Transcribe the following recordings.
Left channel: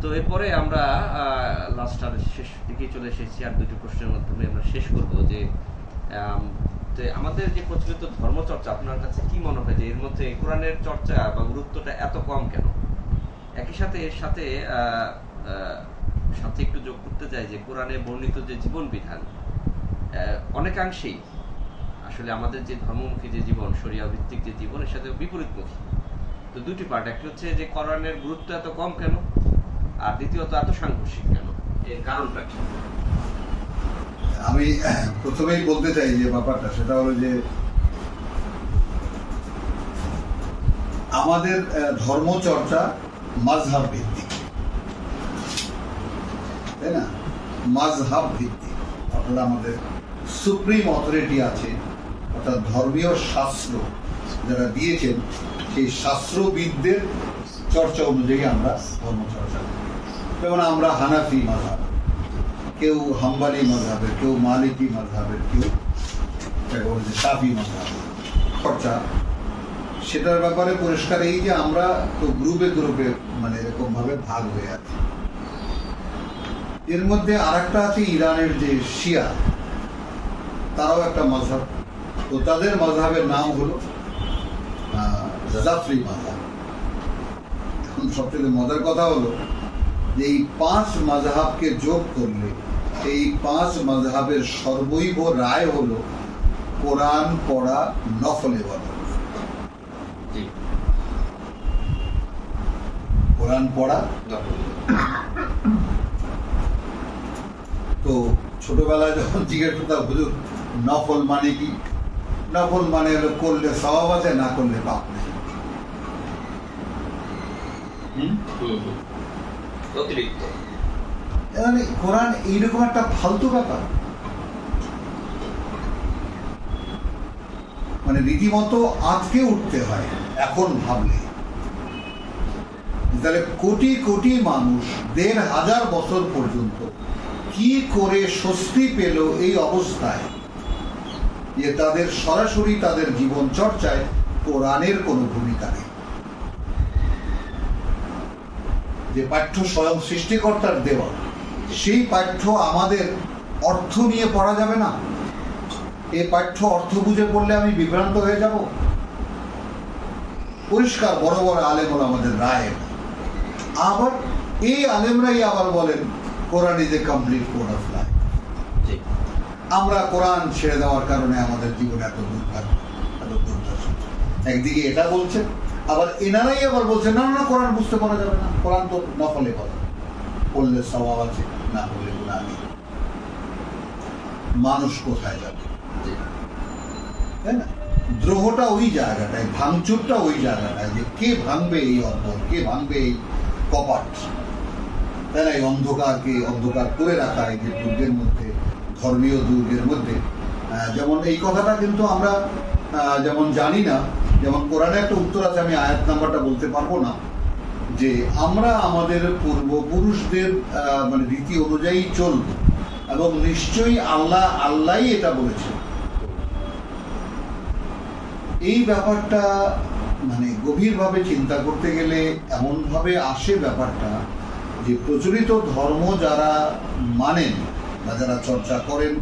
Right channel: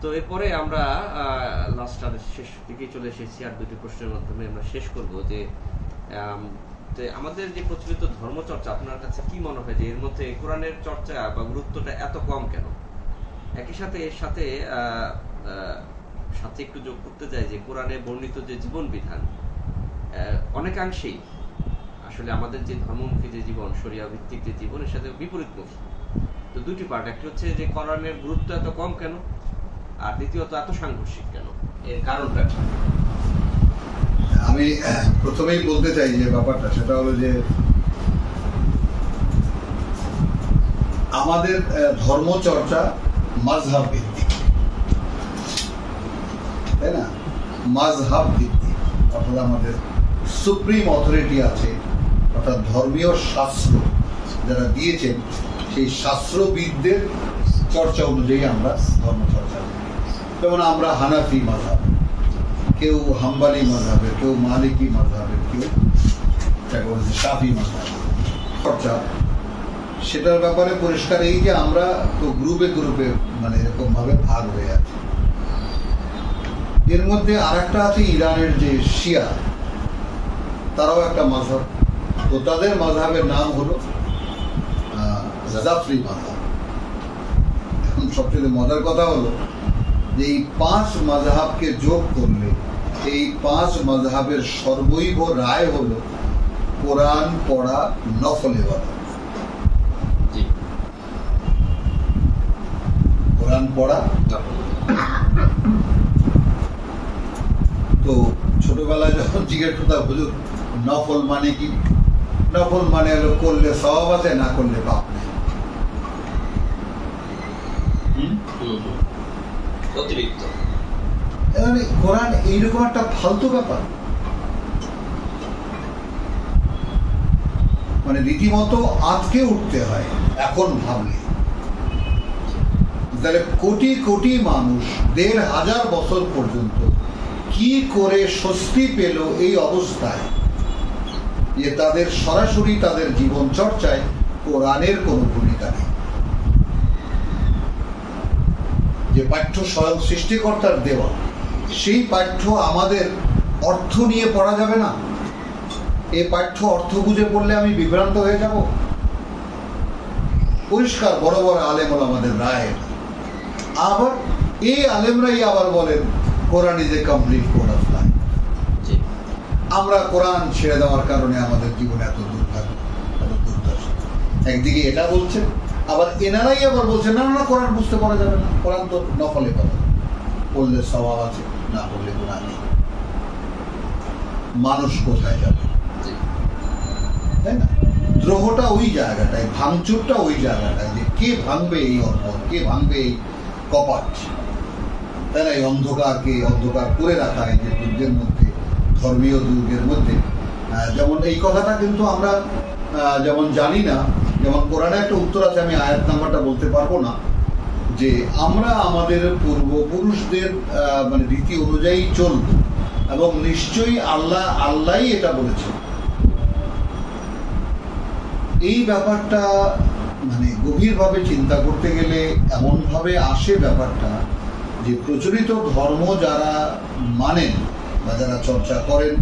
তো এরপরে আমরা লাস্ট আর শেষ দিকে চলে এসেছি, আর দুটি প্রশ্নের মাধ্যমে আমরা শেষ করব যে আমাদের যে প্রচলিত ধর্মচর্চা আপনার কাছে কি মনে হয় যে এর মধ্যে কোরআনের চর্চা বা গুরুত্বটা এত কম কেন? একই সাথে এর সাথে সাথে একটু যোগ করতে চাই যে কোরআনে বর্ণিত যে জীবন বিধান অনেকাংশেই আসলে আমাদের যে ধর্মমুখী যে জীবন, শরিয়া ভিত্তিক যে জীবন, এর সাথে বিপরীতমুখী। তো দুটি পার্ট, একটি হচ্ছে যে কোরআনের গুরুত্ব এত কম কেন, আর দ্বিতীয়ত এত সাংঘর্ষিক কেন, এর কারণটা কি? আমি প্রথমেই বলতে চাই যে ব্যাপারটা সেটা হলো যে আমাদের ধর্মচর্চা মাযহাব ভিত্তিক, তাই না? মাযহাব ভিত্তিক, অর্থাৎ আমাদের সুপ্রিম অথরিটি আছে, অর্থাৎ ধর্মীয় শাস্ত্র যারা দিয়েছেন সেই শাস্ত্রবিদদের চর্চা অনুযায়ী আমরা ধর্মচর্চা করি। যেমন আমরা হানাফি মাযহাব, কেউ হাম্বালি মাযহাবের, কেউ মালিকি মাযহাবের, কেউ শাফি মাযহাবের চর্চা। সেটার ব্যাপারে পরিষ্কার এই যে আমরা তো গ্রুপে গ্রুপে মানে এরকম ভাবে ভাগ হয়ে আছি। এর মধ্যে আর একটা আছে ইরানের যে শিয়া, তারাও একটা মাযহাব, তো তাদের মাযহাবের নাম হলো জাফরি মাযহাব। এখন সবচেয়ে মজার কথা হলো যে এই 5 মাযহাবকে যোগ করলে এই 5 মাযহাবের সর্বৈব রায় হলো কোরআন পড়া নফল ইবাদত। কোরআন পড়া। তো ছোটবেলায় যখন জিজ্ঞেস করতাম হুজুর নফল মানে কি, নফল মানে হলো করলে সওয়াব আছে, না করলে পাপ নেই। অতিরিক্ত মানে কোরআন এইরকম একটা ফালতু ব্যাপার, মানে রীতিমতো আজকে উঠতে হয় এখন ভাবলে। তাহলে কোটি কোটি মানুষ 1500 বছর পর্যন্ত কি করে স্বস্তি পেল এই অবস্থায় যে তাদের সরাসরি তাদের জীবন চর্চায় কোরআনের কোনো ভূমিকা নেই। যে পাঠ্য স্বয়ং সৃষ্টিকর্তার দেওয়া, সেই পাঠ্য আমাদের অর্থ নিয়ে পড়া যাবে না। এই পাঠ্য অর্থ বুঝে পড়লে আমি বিভ্রান্ত হয়ে যাব। পরিষ্কার বড় বড় আলেম হলো আমাদের রায়। আবার এই আলেমরাই আবার বলেন Quran is a complete code of life. আমরা কোরআন ছেড়ে দেওয়ার কারণে আমাদের জীবনে এত দুর্ভাগ্য, এত দুর্দশা। একদিকে এটা বলছেন, আবার এনারাই আবার বলছেন না না কোরআন বুঝতে পারা যাবে না, কোরআন তো নফলে পড়া, পড়লে সওয়াব আছে, না পড়লে গুনাহ নেই। মানুষ কোথায় যাবে, তাই না? দ্রোহটা ওই জায়গাটায়, ভাঙচুরটা ওই জায়গাটায় যে কে ভাঙবে এই অন্তর, কে ভাঙবে এই কপাট, তাই না? এই অন্ধকারকে অন্ধকার করে রাখা এই যে দুর্গের মধ্যে, ধর্মীয় দুর্গের মধ্যে। যেমন এই কথাটা কিন্তু আমরা যেমন জানি না, যেমন কোরআনে একটা উত্তর আছে, আমি আয়াত নাম্বারটা বলতে পারবো না, যে আমরা আমাদের পূর্বপুরুষদের মানে রীতি অনুযায়ী চলব, এবং নিশ্চয়ই আল্লাহই এটা বলেছে। এই ব্যাপারটা মানে গভীরভাবে চিন্তা করতে গেলে এমন ভাবে আসে ব্যাপারটা যে প্রচলিত ধর্ম যারা মানেন বা যারা চর্চা করেন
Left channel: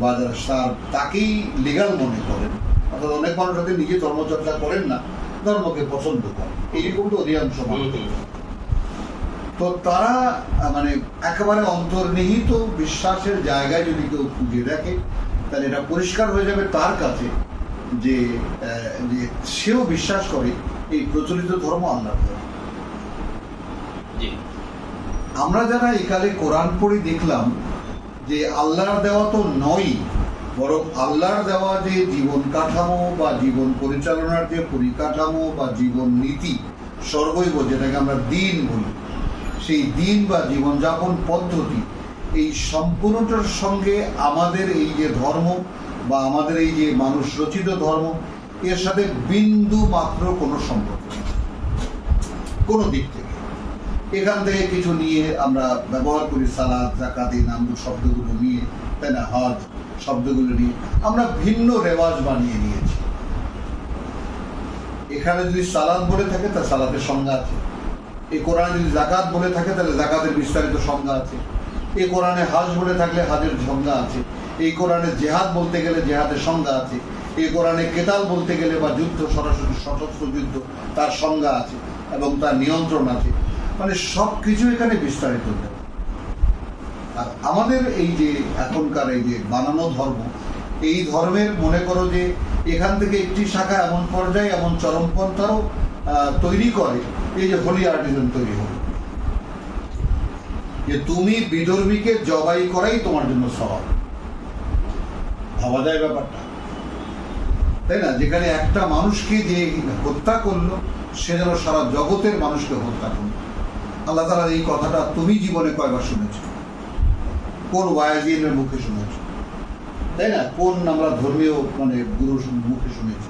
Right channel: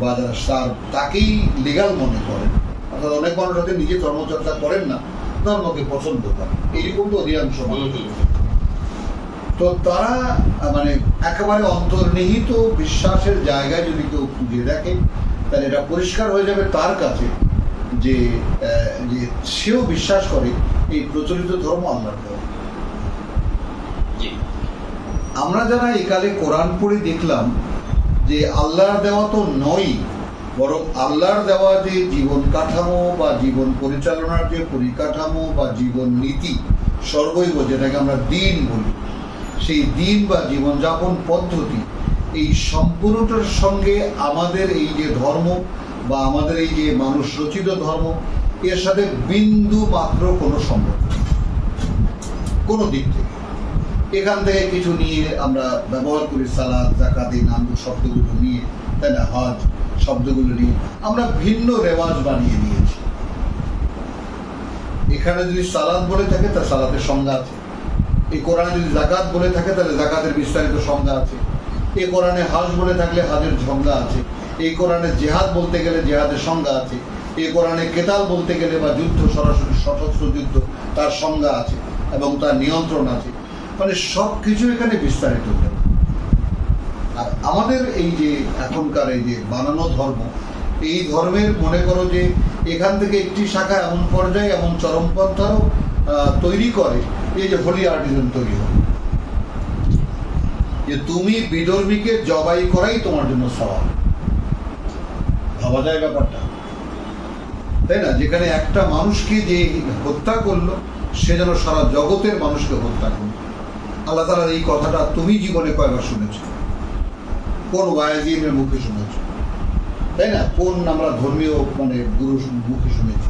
বা যারা তাকেই লিগাল মনে করেন, অর্থাৎ অনেক মানুষ হয়তো নিজে ধর্মচর্চা করেন না, ধর্মকে পছন্দ করেন, এইরকম তো অধিকাংশ মানুষ। তো তারা মানে একেবারে অন্তর্নিহিত বিশ্বাসের জায়গায় যদি কেউ খুঁজে দেখে, তাহলে এটা পরিষ্কার হয়ে যাবে তার কাছে যে সেও বিশ্বাস করে এই প্রচলিত ধর্ম আল্লাহর ধর্ম। আমরা যারা একালে কোরআন পড়ে দেখলাম যে আল্লাহর দেওয়া তো নয়, বরং আল্লাহর দেওয়া যে জীবন কাঠামো বা জীবন পরিচালনার যে পরিকাঠামো বা জীবন নীতি সর্বৈব, যেটাকে আমরা দিন বলি, সেই দিন বা জীবনযাপন পদ্ধতি, এই সম্পূর্ণটার সঙ্গে আমাদের এই যে ধর্ম বা আমাদের এই যে মানুষ রচিত ধর্ম, এর সাথে বিন্দু মাত্র কোনো সম্পর্ক নেই কোনো দিক থেকে। এখান থেকে কিছু নিয়ে আমরা ব্যবহার করি, সালাদ, যাকাত, এই নাম শব্দগুলো নিয়ে, তাই না, হজ শব্দগুলো নিয়ে আমরা ভিন্ন রেওয়াজ বানিয়ে নিয়েছি। এখানে যদি সালাদ বলে থাকে তার সালাদের সংজ্ঞা আছে, এই কোরআনে যদি জাকাত বলে থাকে তাহলে জাকাতের বিস্তারিত সংজ্ঞা আছে। এই কোরআনে হাজ বলে থাকলে হাজের সংজ্ঞা আছে। এই কোরআনে জেহাদ বলতে গেলে জেহাদের সংজ্ঞা আছে। এই কোরআনে কেতাল বলতে গেলে বা যুদ্ধ, সরাসরি সশস্ত্র যুদ্ধ, তার সংজ্ঞা আছে এবং তার নিয়ন্ত্রণ আছে। মানে সবকিছু এখানে বিস্তারিত। আর আমাদের এই যে এখনকার এই যে বানানো ধর্ম, এই ধর্মের মনে করো যে এখান থেকে একটি শাখা এমন পর্যায়ে এমন চরমপন্থাও তৈরি করে, এই যে হোলি আর্টিজম তৈরি হবে, যে তুমি বিধর্মীকে জবাই করাই তোমার জন্য সওয়াব। ভাবা যায় ব্যাপারটা, তাই না? যেখানে একটা মানুষকে যে হত্যা করলো সে যেন সারা জগতের মানুষকে হত্যা করলো। আল্লাহ তাআলার এই কথাটা তুমি জীবনে কয়বার শুনেছ? কোন ওয়াইজিনের মুখে শুনেছ? তাই না? কোন আমরা ধর্মীয় গুরুর মুখে শুনেছি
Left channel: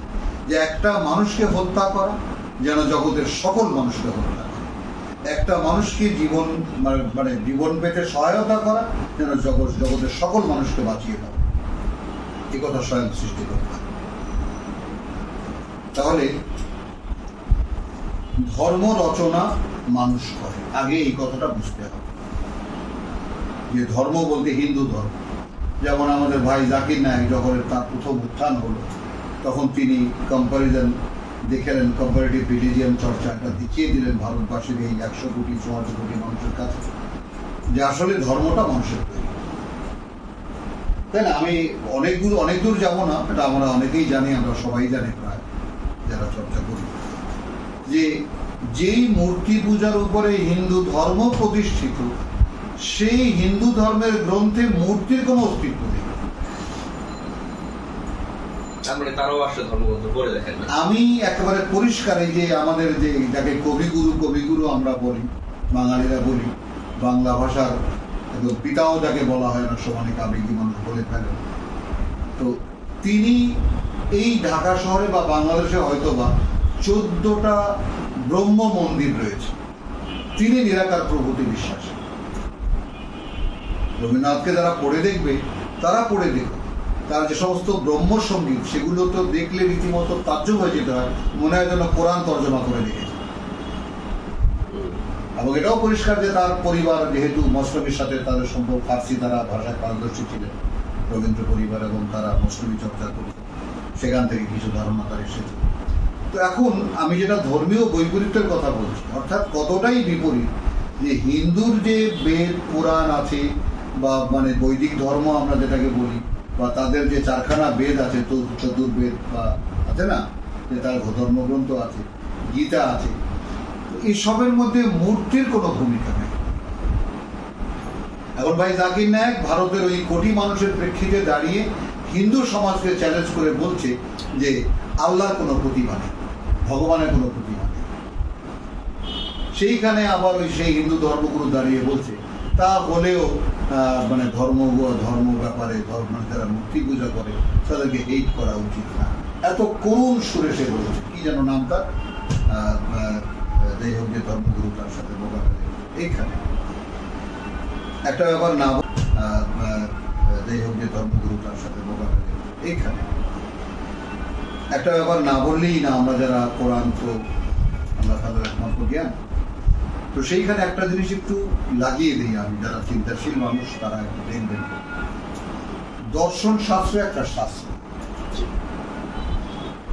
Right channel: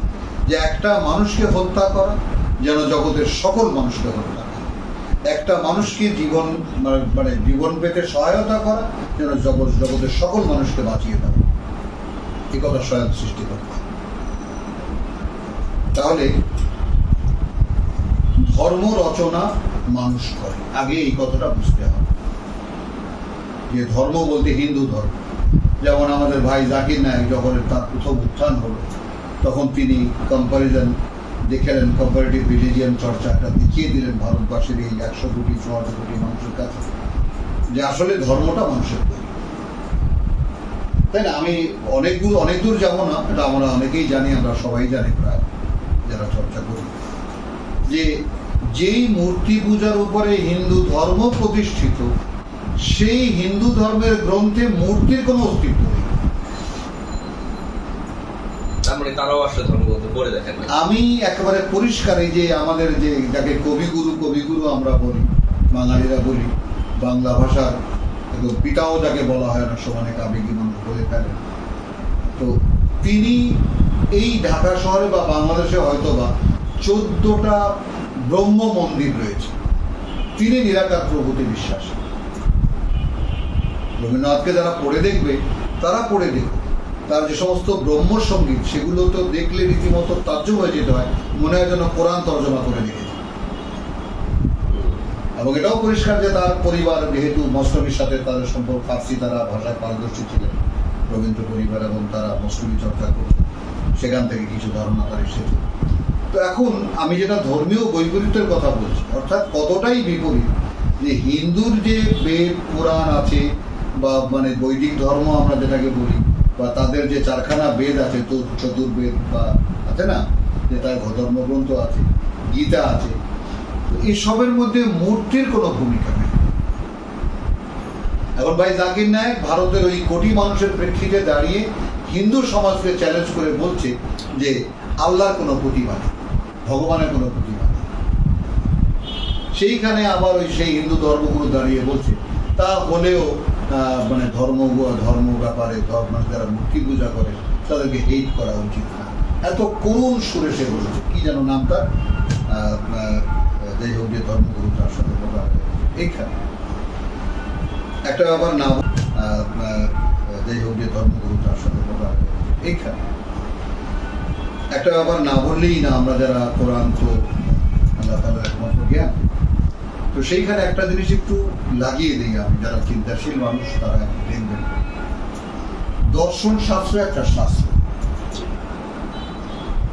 যে একটা মানুষকে হত্যা করা যেন জগতের সকল মানুষকে হত্যা করে, একটা মানুষকে জীবন জীবন পেতে সহায়তা করা যেন জগতের সকল মানুষকে বাঁচিয়ে দেওয়া, এই কথা স্বয়ং সৃষ্টি করে। তাহলে ধর্ম রচনা মানুষ করে, আগে এই কথাটা বুঝতে হবে যে ধর্ম বলতে হিন্দু ধর্ম। যেমন আমাদের ভাই জাকির নায়েক যখন তার প্রথম উত্থান হলো, তখন তিনি কম্পারিজন দেখালেন, কম্পারেটিভ রিলিজিয়ান চর্চাটা দেখিয়ে দিলেন ভারতবাসীর এই 100 কোটি 100 কোটি মানুষের কাছে যে আসলে ধর্মটা মানুষের তৈরি, তাই না? আমি অনেক দূর যাবো না, এটা আমরা অনেকেই জানি, আমরা সবাই জানি প্রায় যারা চর্চা করি, যে যেই মূর্তি পূজার উপরে হিন্দু ধর্ম প্রতিষ্ঠিত, সেই হিন্দু ধর্মের গ্রন্থে মূর্তির কোনো অস্তিত্ব নেই। আমি একেবারে পরিষ্কার, এই যে আমাদের যে যাকে কবিগুরু আমরা বলি, বাঙালিরা বলি, বাংলা ভাষার পিতাও যাকে বলা হয় না, অনেক আবেগী মানুষ বলে ফেলেন, তো তিনি এই ঢাকা শহরে বা বাংলাদেশে হয়তোবা 14টা ব্রহ্ম মন্দির রয়েছে। তিনি নিরাকার প্রভুতে বিশ্বাসী। রবীন্দ্রনাথকে যারা পড়ে দেখবে, তারা পড়ে দেখবে তার যে সমস্ত ব্রহ্ম সঙ্গীত, সেগুলো তো দেখলে রীতিমতো তাজ্জব হয়ে যেতে হয়, মনে হয় যেন কোরআন তর্জমা করে লিখেছে। এবং এটাও পরিষ্কার যে তার পরিবার যেহেতু মসলমির সাথে তাদের সম্পর্ক, ফার্সি তারা ভাষায় পারদর্শী ছিলেন রবীন্দ্র পরিবার, এবং তারা মসলমি চর্চা করত, সেখান থেকে কিছু ধারণা তার এসেছে। তো এখন আমি যেটা ধর্মীয় বৈপরীত্যের কথা বলছি, অর্থাৎ কতটাই বিপরীত যে হিন্দুর যে বেদ পুরাণ আছে বা বৈদিক ধর্ম আমরা যেটাকে বলি, বা তাদের যে 4খানা বেদ আছে, চতুর্বেদ বা আছে না, যে তার ধর্মগ্রন্থ আছে, গীতা আছে, এইসবের মধ্যে মূর্তির কোনো ভূমিকা নেই। এখন ভাই জাকির নায়েক ভারতের ওই কোটি মানুষের প্রেক্ষিতে দাঁড়িয়ে হিন্দু সমাজকে চ্যালেঞ্জ করে বলছে যে আল্লাহর কোনো প্রতিভা নেই, ভগবানের কোনো প্রতিভা নেই। সেইখানে আবার ওই সেই হিন্দু ধর্মগুরু দাঁড়িয়ে বলছে তা হলেও ধর্ম ব্যাপারে যারা মূর্তি পূজা করে তাদেরকে হেট করা উচিত না, এত করুণ সুরে সে বলেছে। কি যেন নামটা, যাই হোক, যে ধর্মগুরু তার সাথে বলা হয় এইখানে একটা ব্যাপার না, যাই হোক, যে ধর্মগুরু তার সাথে বলা হয় এইখানে একটা ব্যাপার না বললেই না। আমরা যারা কোরআন তো আল্লাহ তাআলার একমাত্র জ্ঞান, তো সেইখানে একটা জিনিস একটু লাগিয়ে দিই আমি, যারা চিন্তাশীল মানুষ তারা একটু দেখবেন। দর্শন শাস্ত্র একটা শাস্ত্র,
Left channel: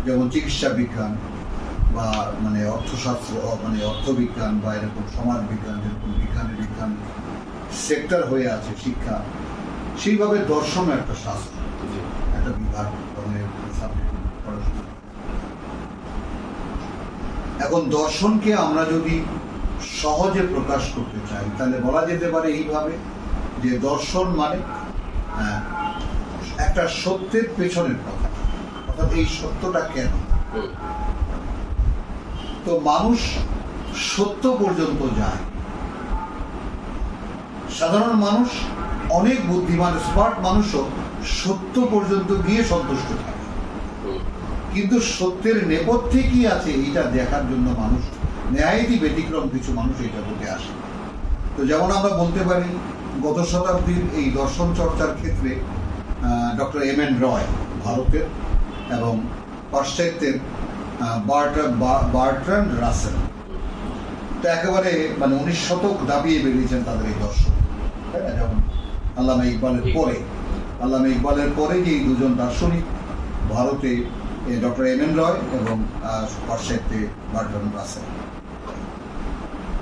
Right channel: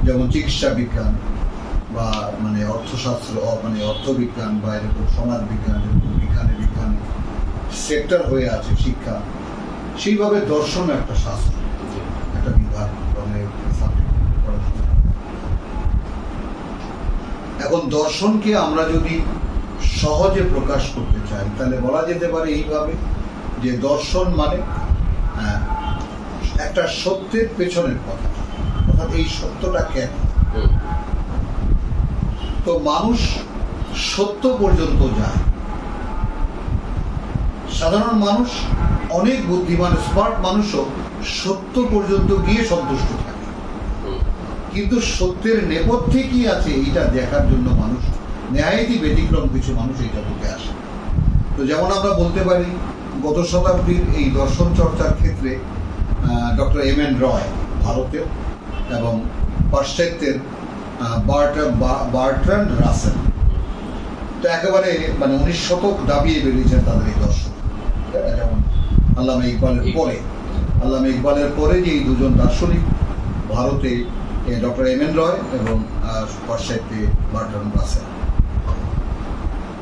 যেমন চিকিৎসা বিজ্ঞান বা অর্থশাস্ত্র, অর্থবিজ্ঞান বা এরকম সমাজ বিজ্ঞান, এরকম বিজ্ঞান সেক্টর হয়ে আছে শিক্ষা, সেইভাবে দর্শন একটা শাস্ত্র, একটা বিভাগ, এখন দর্শনকে আমরা যদি সহজে প্রকাশ করতে চাই তাহলে বলা যেতে পারে এইভাবে যে দর্শন একটা সত্যের পেছনের কথা, অর্থাৎ এই সত্যটা কেন। তো মানুষ সত্য পর্যন্ত যায়, সাধারণ মানুষ, অনেক বুদ্ধিমান স্মার্ট মানুষও সত্য পর্যন্ত গিয়ে সন্তুষ্ট থাকে, কিন্তু সত্যের নেপথ্যে কি আছে এইটা দেখার জন্য মানুষ, ন্যায়াদি ব্যতিক্রম কিছু মানুষ এই জগতে আসে। তো যেমন আমরা বলতে পারি গত শতাব্দীর এই দর্শন চর্চার ক্ষেত্রে ডক্টর এম.এন. রয় ভারতের, এবং পাশ্চাত্যের বার্ট্রান্ড রাসেল, তো একেবারে মানে 19 শতক দাবিয়ে বেরিয়েছেন তাদের এই দর্শন, তাই না? যেমন আল্লামা ইকবালের পরে যে এই দুজন দার্শনিক ভারতে, ডক্টর এম এন রয় এবং পাশ্চাত্যে বার্ট্রান্ড রাসেল।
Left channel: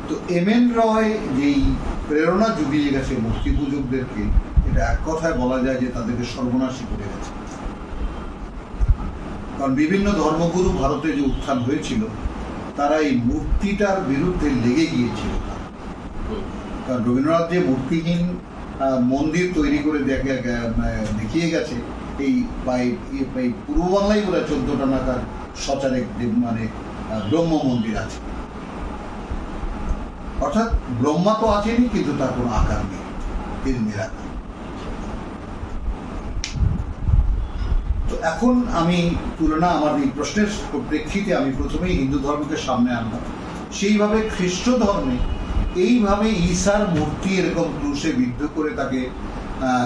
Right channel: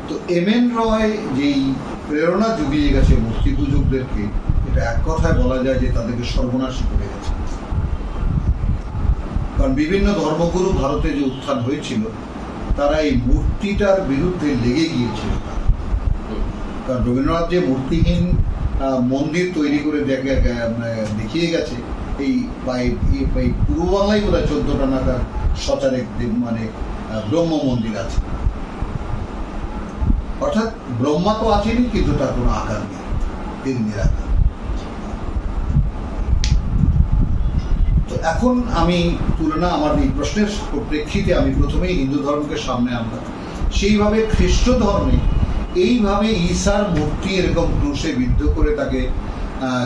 তো এম এন রয় যেই প্রেরণা জুগিয়ে গেছে মূর্তি পূজকদেরকে, এটা এক কথায় বলা যায় যে তাদেরকে সর্বনাশী করে গেছে। কারণ বিভিন্ন ধর্মগুরু ভারতে যে উত্থান হয়েছিল, তারা এই মূর্তিটার বিরুদ্ধে লেগে গিয়েছিল। কারণ রবীন্দ্রনাথ যে মূর্তিহীন মন্দির তৈরি করে দেখিয়ে গেছে, এই পূর্ব বাংলায় বোধ হয় 14টা নাগাদ সচারেক মানে ব্রহ্ম মন্দির আছে। অর্থাৎ ব্রহ্মা তো আছেনি, কিন্তু তার কোনো আকার নেই, এর নিরাকার। তো এখন আমি তুলনা আমার এই প্রশ্নের প্রেক্ষিতে আমি প্রথমেই হিন্দু ধর্মকে সামনে আনলাম। সেইভাবে খ্রিস্ট ধর্মে এইভাবে ঈসার মূর্তি এরকম ক্রুশে বিদ্ধ করে তাকে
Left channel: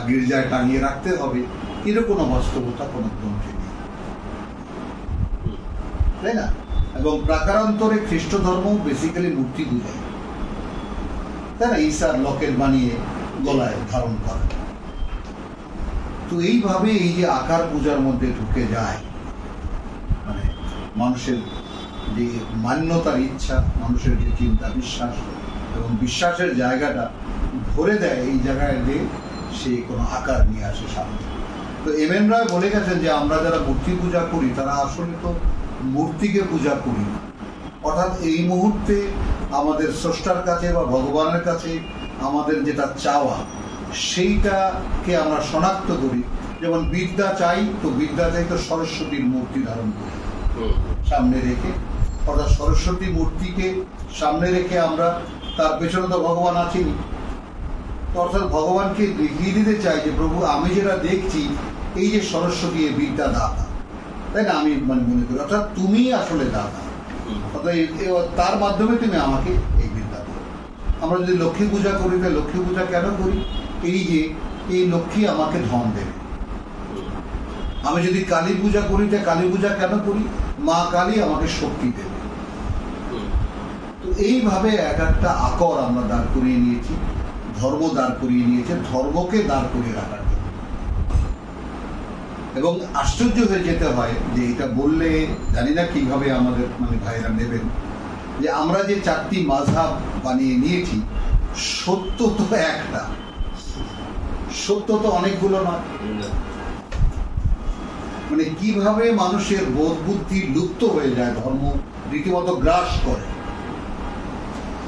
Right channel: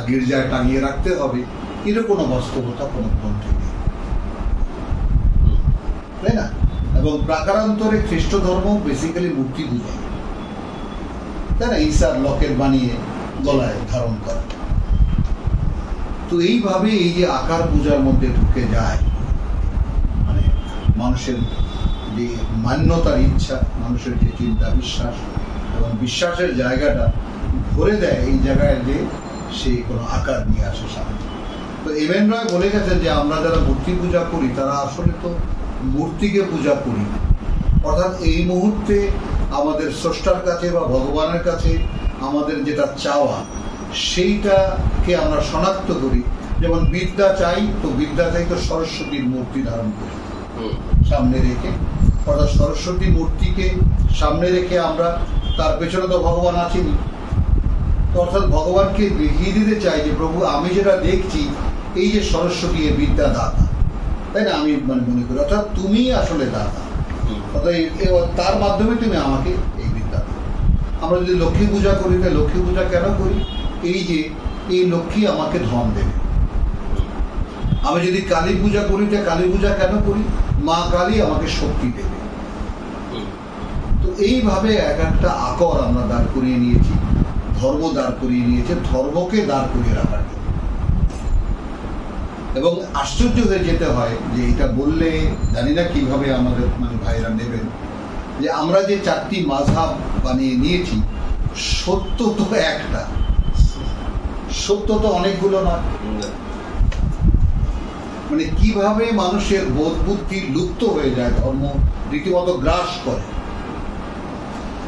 গির্জায় টাঙিয়ে রাখতে হবে, এর কোনো বাস্তবতা কোনো গ্রন্থে নেই, তাই না? এবং প্রাকারান্তরে খ্রিস্ট ধর্ম বেসিক্যালি মূর্তি পূজা, তাই না? ঈসার লকেট বানিয়ে গলায় ধারণ করা। তো এইভাবে এই যে আকার পূজার মধ্যে ঢুকে যায়, মানে মানুষের যে মান্যতার ইচ্ছা, মানুষের যে চিন্তা বিশ্বাস এবং বিশ্বাসের জায়গাটা ভরে দেয় এই জায়গায় যে সে কোনো আকার নিয়ে আসে সামনে। তো এম এন রয় বলে গেছেন যে আমরা যারা মূর্তি পূজা করি তারা আসলে তো মূর্তিকে পূজা করি না। অর্থাৎ এই মুহূর্তে আমাদের স্রষ্টার কাছে বা ভগবানের কাছে আমাদের যেটা চাওয়া, সেইটাকে আমরা শনাক্ত করি। যেমন বিদ্যা চাই, তো বিদ্যা চাই তো সরস্বতীর মূর্তি ধারণ করি সামনে রেখে, অর্থাৎ সরস্বতী মূর্তিকে সামনে রেখে আমরা, তার পেছনে তো ভগবান আছেনি, অর্থাৎ ভগবানকে দেখিয়ে দিতে চাই যে প্রভু আমি যেটা দেখছি এই যে সরস্বতী এ বিদ্যা দাতা, তাই না? আমি মানে মনে করি অর্থাৎ তুমি আসলে দাতা, অর্থাৎ তার মাধ্যমে তুমি আমাকে এই বিদ্যা দাও। আমরা যদি লক্ষ্মী পূজা করি, তাহলে লক্ষ্মী পূজা কেন করি? এই যে এই লক্ষ্মী আমাকে ধন দেবে। আমি যদি কালী পূজা করি, তাহলে কালী পূজা কেন করি? মা কালী আমাকে শক্তি দেবে। তো এইভাবে এক একটা আকর আমরা দাঁড় করিয়ে নিয়েছি, ধর্ম দাঁড় করিয়ে নিয়েছে ধর্মকে দাঁড় করিয়ে রাখার জন্য। এবং আশ্চর্য হয়ে যেতে হয় যে এটা বললে জানি না কিভাবে আমাদের মানে ভাইরা নেবেন, যে আমরা যে 4টি মাযহাব বানিয়ে নিয়েছি, সত্য তো একটা, সত্য তো অনেকগুলো নয়। মানে কিভাবে মানুষের বোধ বুদ্ধি লুপ্ত হয়ে যায়, ধর্ম রীতিমতো গ্রাস করে।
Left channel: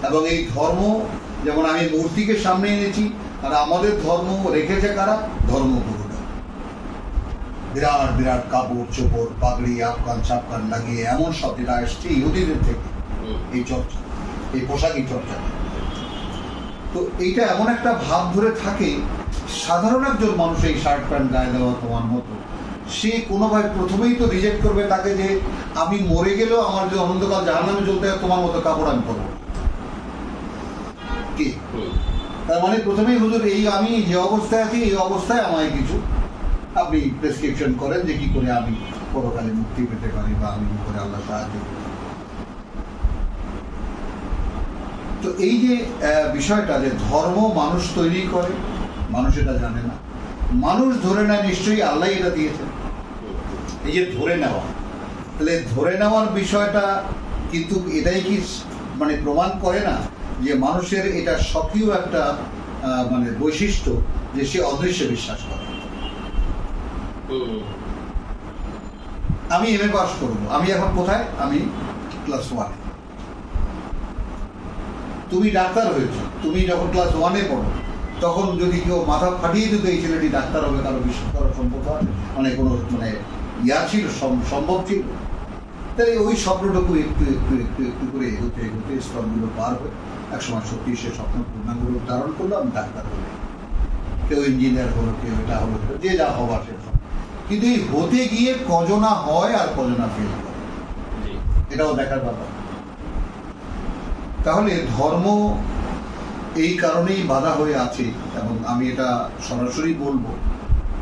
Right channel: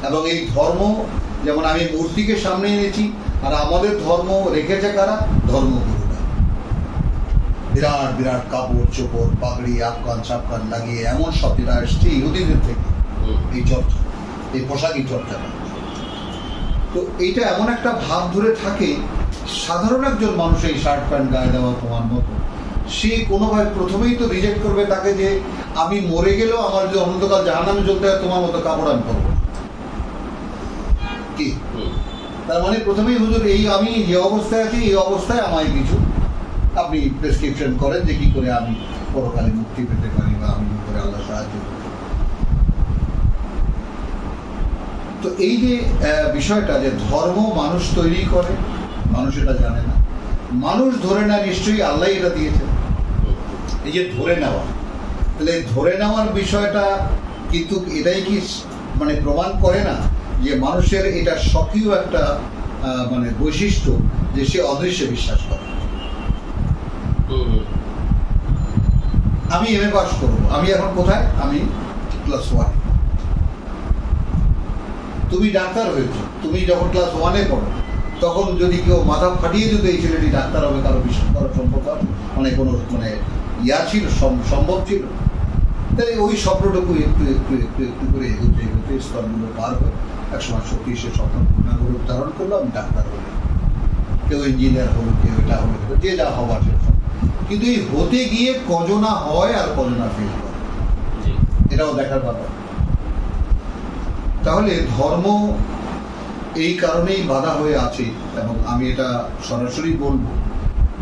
এবং এই ধর্ম, যেমন আমি মূর্তিকে সামনে এনেছি, আর আমাদের ধর্ম রেখেছে কারা? ধর্মগুরুরা। বিরাট বিরাট কাপড় চোপড় পাগড়ি আফগান সাফগান লাগিয়ে এমন সব যেটা এসছে ইহুদিদের থেকে, এই চর্চা, এই পোশাকি চর্চাটা। তো এইটা এমন একটা ভাব ধরে থাকে, সাধারণ একজন মানুষ এই শার্ট প্যান্ট গায়ে দেওয়া তোমার মতো, সে কোনোভাবে প্রথমেই তো রিজেক্ট করবে তাকে, যে আমি মরে গেলেও আমার যদি অনন্তকাল জাহান্নামে জ্বলতে হয়, তোমার মতো কাপড় আমি পরবো কি? তার মানে প্রথমেই হুজুর এই আমি যে অবস্থায় আছি, এই অবস্থায় আমায় কিছু আপনি প্রেসক্রিপশন করেন যে কি করে আমি পরকালে মুক্তি পেতে পারি, বা আমি কি করে আল্লাহ সাহায্য করি। তো এই যে বিষয়টা, যে ধর্ম মানুষ তৈরি করে, মানুষ এটা জানে না, মানুষ ধরে নেয় নিশ্চয়ই আল্লাহ এটা দিয়েছেন। এই যে ধরে নেওয়া, তাহলে ধরে নেওয়ার বিষয়টা কিন্তু এটাই কি মানে প্রমাণ করে না যে মানুষের এটা স্বকীয় একটা মানে বৈশিষ্ট্য, যে সে অদৃশ্যে বিশ্বাস করে। আমি এমএ পাস করবো, আমি এখন কোথায়? আমি ক্লাস 1। তুমি ডাক্তার হয়েছো, তুমি যখন ক্লাস 1-এ পড়ো, তখন যদি কেউ মাথা ফাটিয়ে যদি এই ছেলেটি ডাক্তার হবে, কারো বিশ্বাস করার সম্ভব মানে কোনো মানে ছিল, সম্ভব ছিল? তাহলে ওই স্বপ্নটুকু একটু একটু একটু একটু করে এগোতে এগোতে স্তরগুলো পার হয়ে একসময় সত্যি সে স্বপ্ন পূর্ণাঙ্গ রূপ ধারণ করলো, আমি ডাক্তার হলে, কেউ ইঞ্জিনিয়ার হলো, কেউ এটা হলো, যে যা হবার সে। কিন্তু এই হতে গিয়ে কজনা হয় আর কজনা ফেল করে, এটাও দেখার ব্যাপার। তাহলে ধর্ম এই কারণেই বাধা হয়ে আছে, এবং আমি এটা সরাসরি বলবো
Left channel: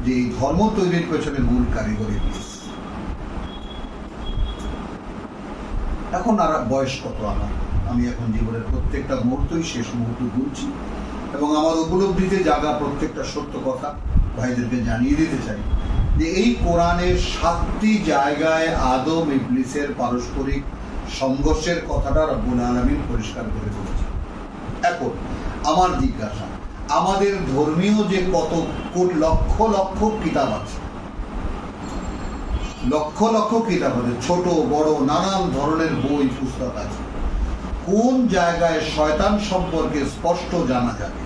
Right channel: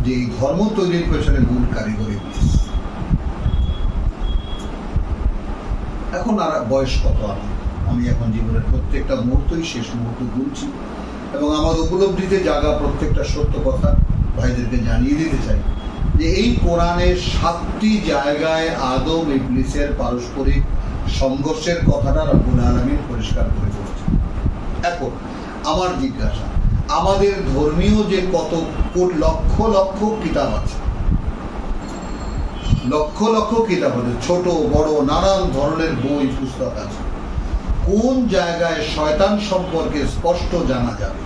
যে এই ধর্ম তৈরির পেছনে মূল কারিগরি। এখন আর বয়স কত আমার, আমি এখন জীবনের প্রত্যেকটা মুহূর্তই শেষ মুহূর্ত গুনছি, এবং আমার উপলব্ধিতে জাগা প্রত্যেকটা সত্য কথা ভাইদেরকে জানিয়ে দিতে চাই যে এই কোরআনের 7টি জায়গায় আদম ইবলিসের পারস্পরিক সংঘর্ষের কথাটা রব্বুল আলামিন পরিষ্কার করে বলেছে। এখন আমার জিজ্ঞাসা, আমাদের ধর্মীয় যে কত লক্ষ লক্ষ কিতাব আছে, লক্ষ লক্ষ কিতাব আছে, ছোট বড় নানান ধরনের বই পুস্তক আছে, কোন জায়গায় শয়তান সম্পর্কে স্পষ্ট জানা যাবে